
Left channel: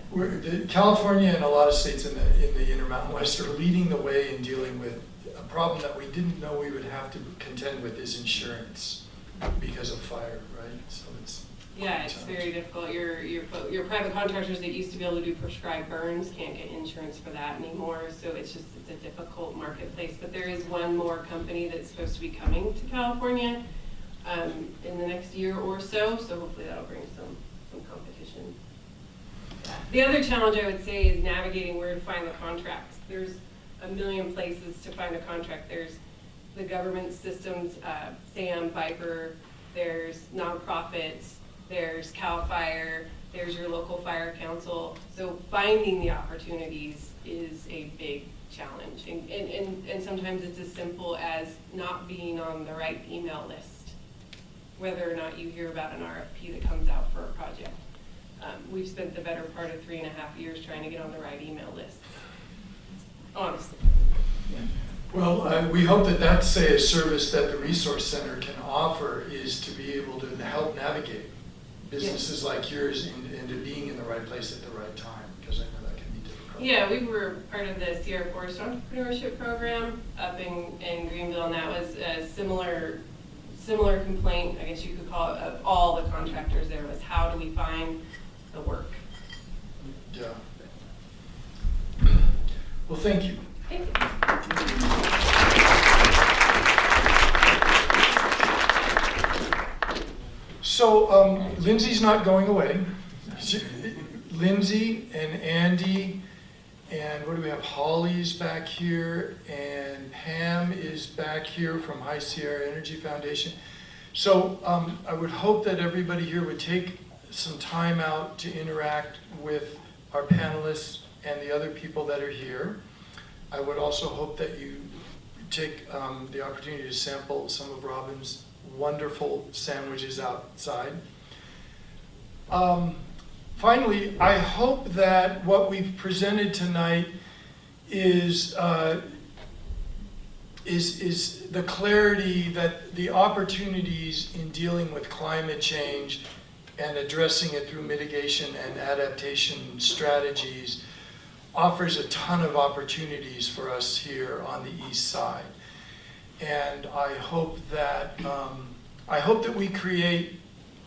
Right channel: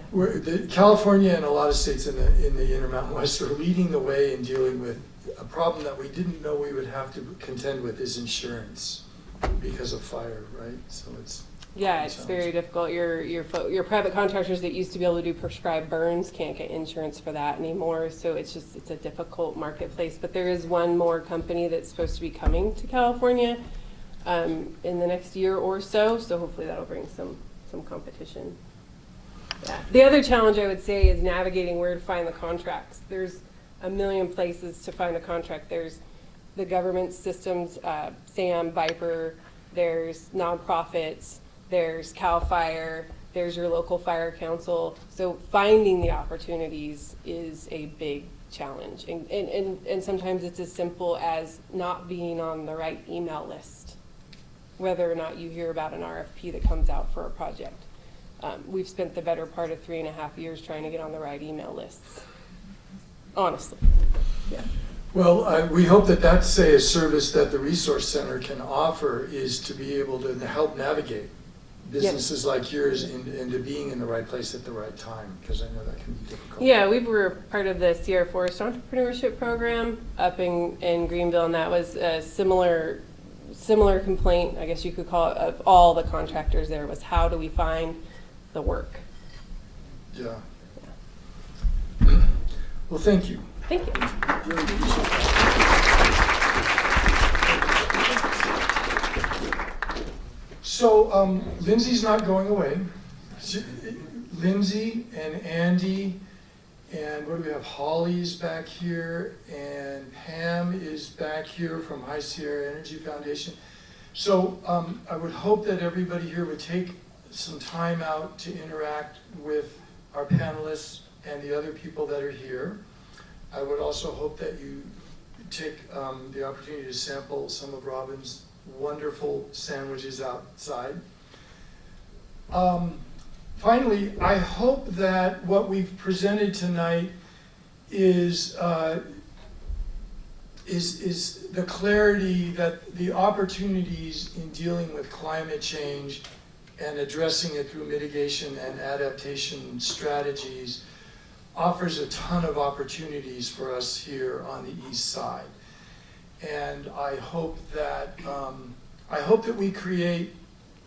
California and a lot of states in the Intermountain West are leading the way in dealing with a problem that we didn't know we would have to contend with, is insurance because of fire, right? So it's very difficult. Your private contractors that used to be able to do prescribed burns can't get insurance for that anymore. So it's a difficult marketplace. But there is one more company that's supposed to be coming to California in the next year or so. So hopefully that'll bring some competition. Yeah. The other challenge I would say is navigating where to find the contracts. There's a million places to find a contract. There's the government systems, SAM, Viper, there's nonprofits, there's CAL FIRE, there's your local fire council. So finding the opportunities is a big challenge. And sometimes it's as simple as not being on the right email list, whether or not you hear about an RFP that comes out for a project. We've spent the better part of 3.5 years trying to get on the right email lists, honestly. Yeah. Well, we hope that that's a service that the Resource Center can offer, is to be able to help navigate businesses like yours into being in the right place at the right time, because I know that can be difficult. Yeah, we were part of the Sierra Forest Entrepreneurship Program up in Greenville, and that was a similar complaint, I guess you could call it, of all the contractors there, was how do we find the work? Yeah. Well, thank you. Thank you. So Lindsay's not going away. Lindsay and Andy and what do we have? Holly's back here and Pam is back here from High Sierra Energy Foundation. So I would hope that everybody here would take some time out to interact with our panelists and the other people that are here. I would also hope that you take the opportunity to sample some of Robin's wonderful sandwiches outside. Finally, I hope that what we've presented tonight is the clarity that the opportunities in dealing with climate change and addressing it through mitigation and adaptation strategies offers a ton of opportunities for us here on the east side. And I hope that we create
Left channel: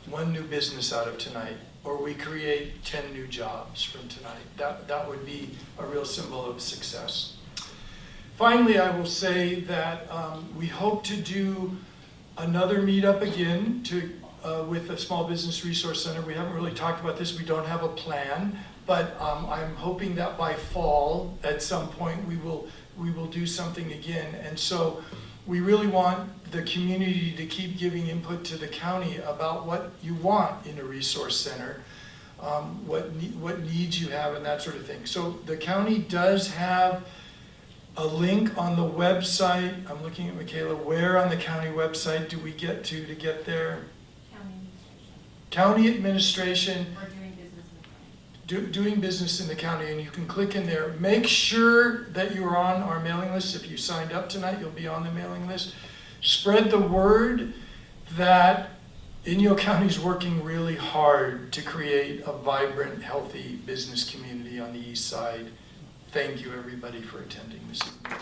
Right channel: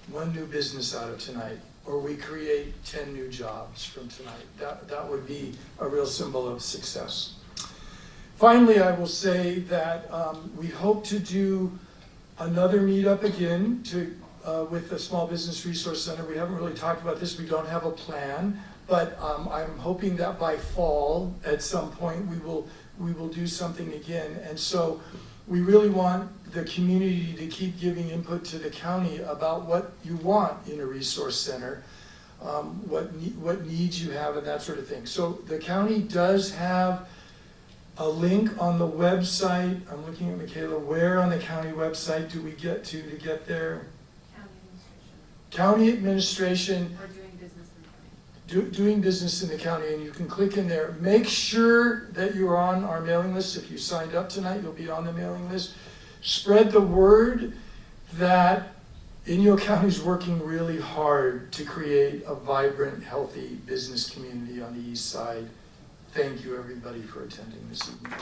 one new business out of tonight, or we create 10 new jobs from tonight. That would be a real symbol of success. Finally, I will say that we hope to do another meetup again with the Small Business Resource Center. We haven't really talked about this, we don't have a plan, but I'm hoping that by fall, at some point, we will do something again. And so we really want the community to keep giving input to the county about what you want in a resource center, what needs you have and that sort of thing. So the county does have a link on the website. I'm looking at Michaela. Where on the county website do we get to get there? County administration. We're doing business in the county. Doing business in the county, and you can click in there. Make sure that you're on our mailing list. If you signed up tonight, you'll be on the mailing list. Spread the word that Inyo County is working really hard to create a vibrant, healthy business community on the east side. Thank you, everybody, for attending this evening.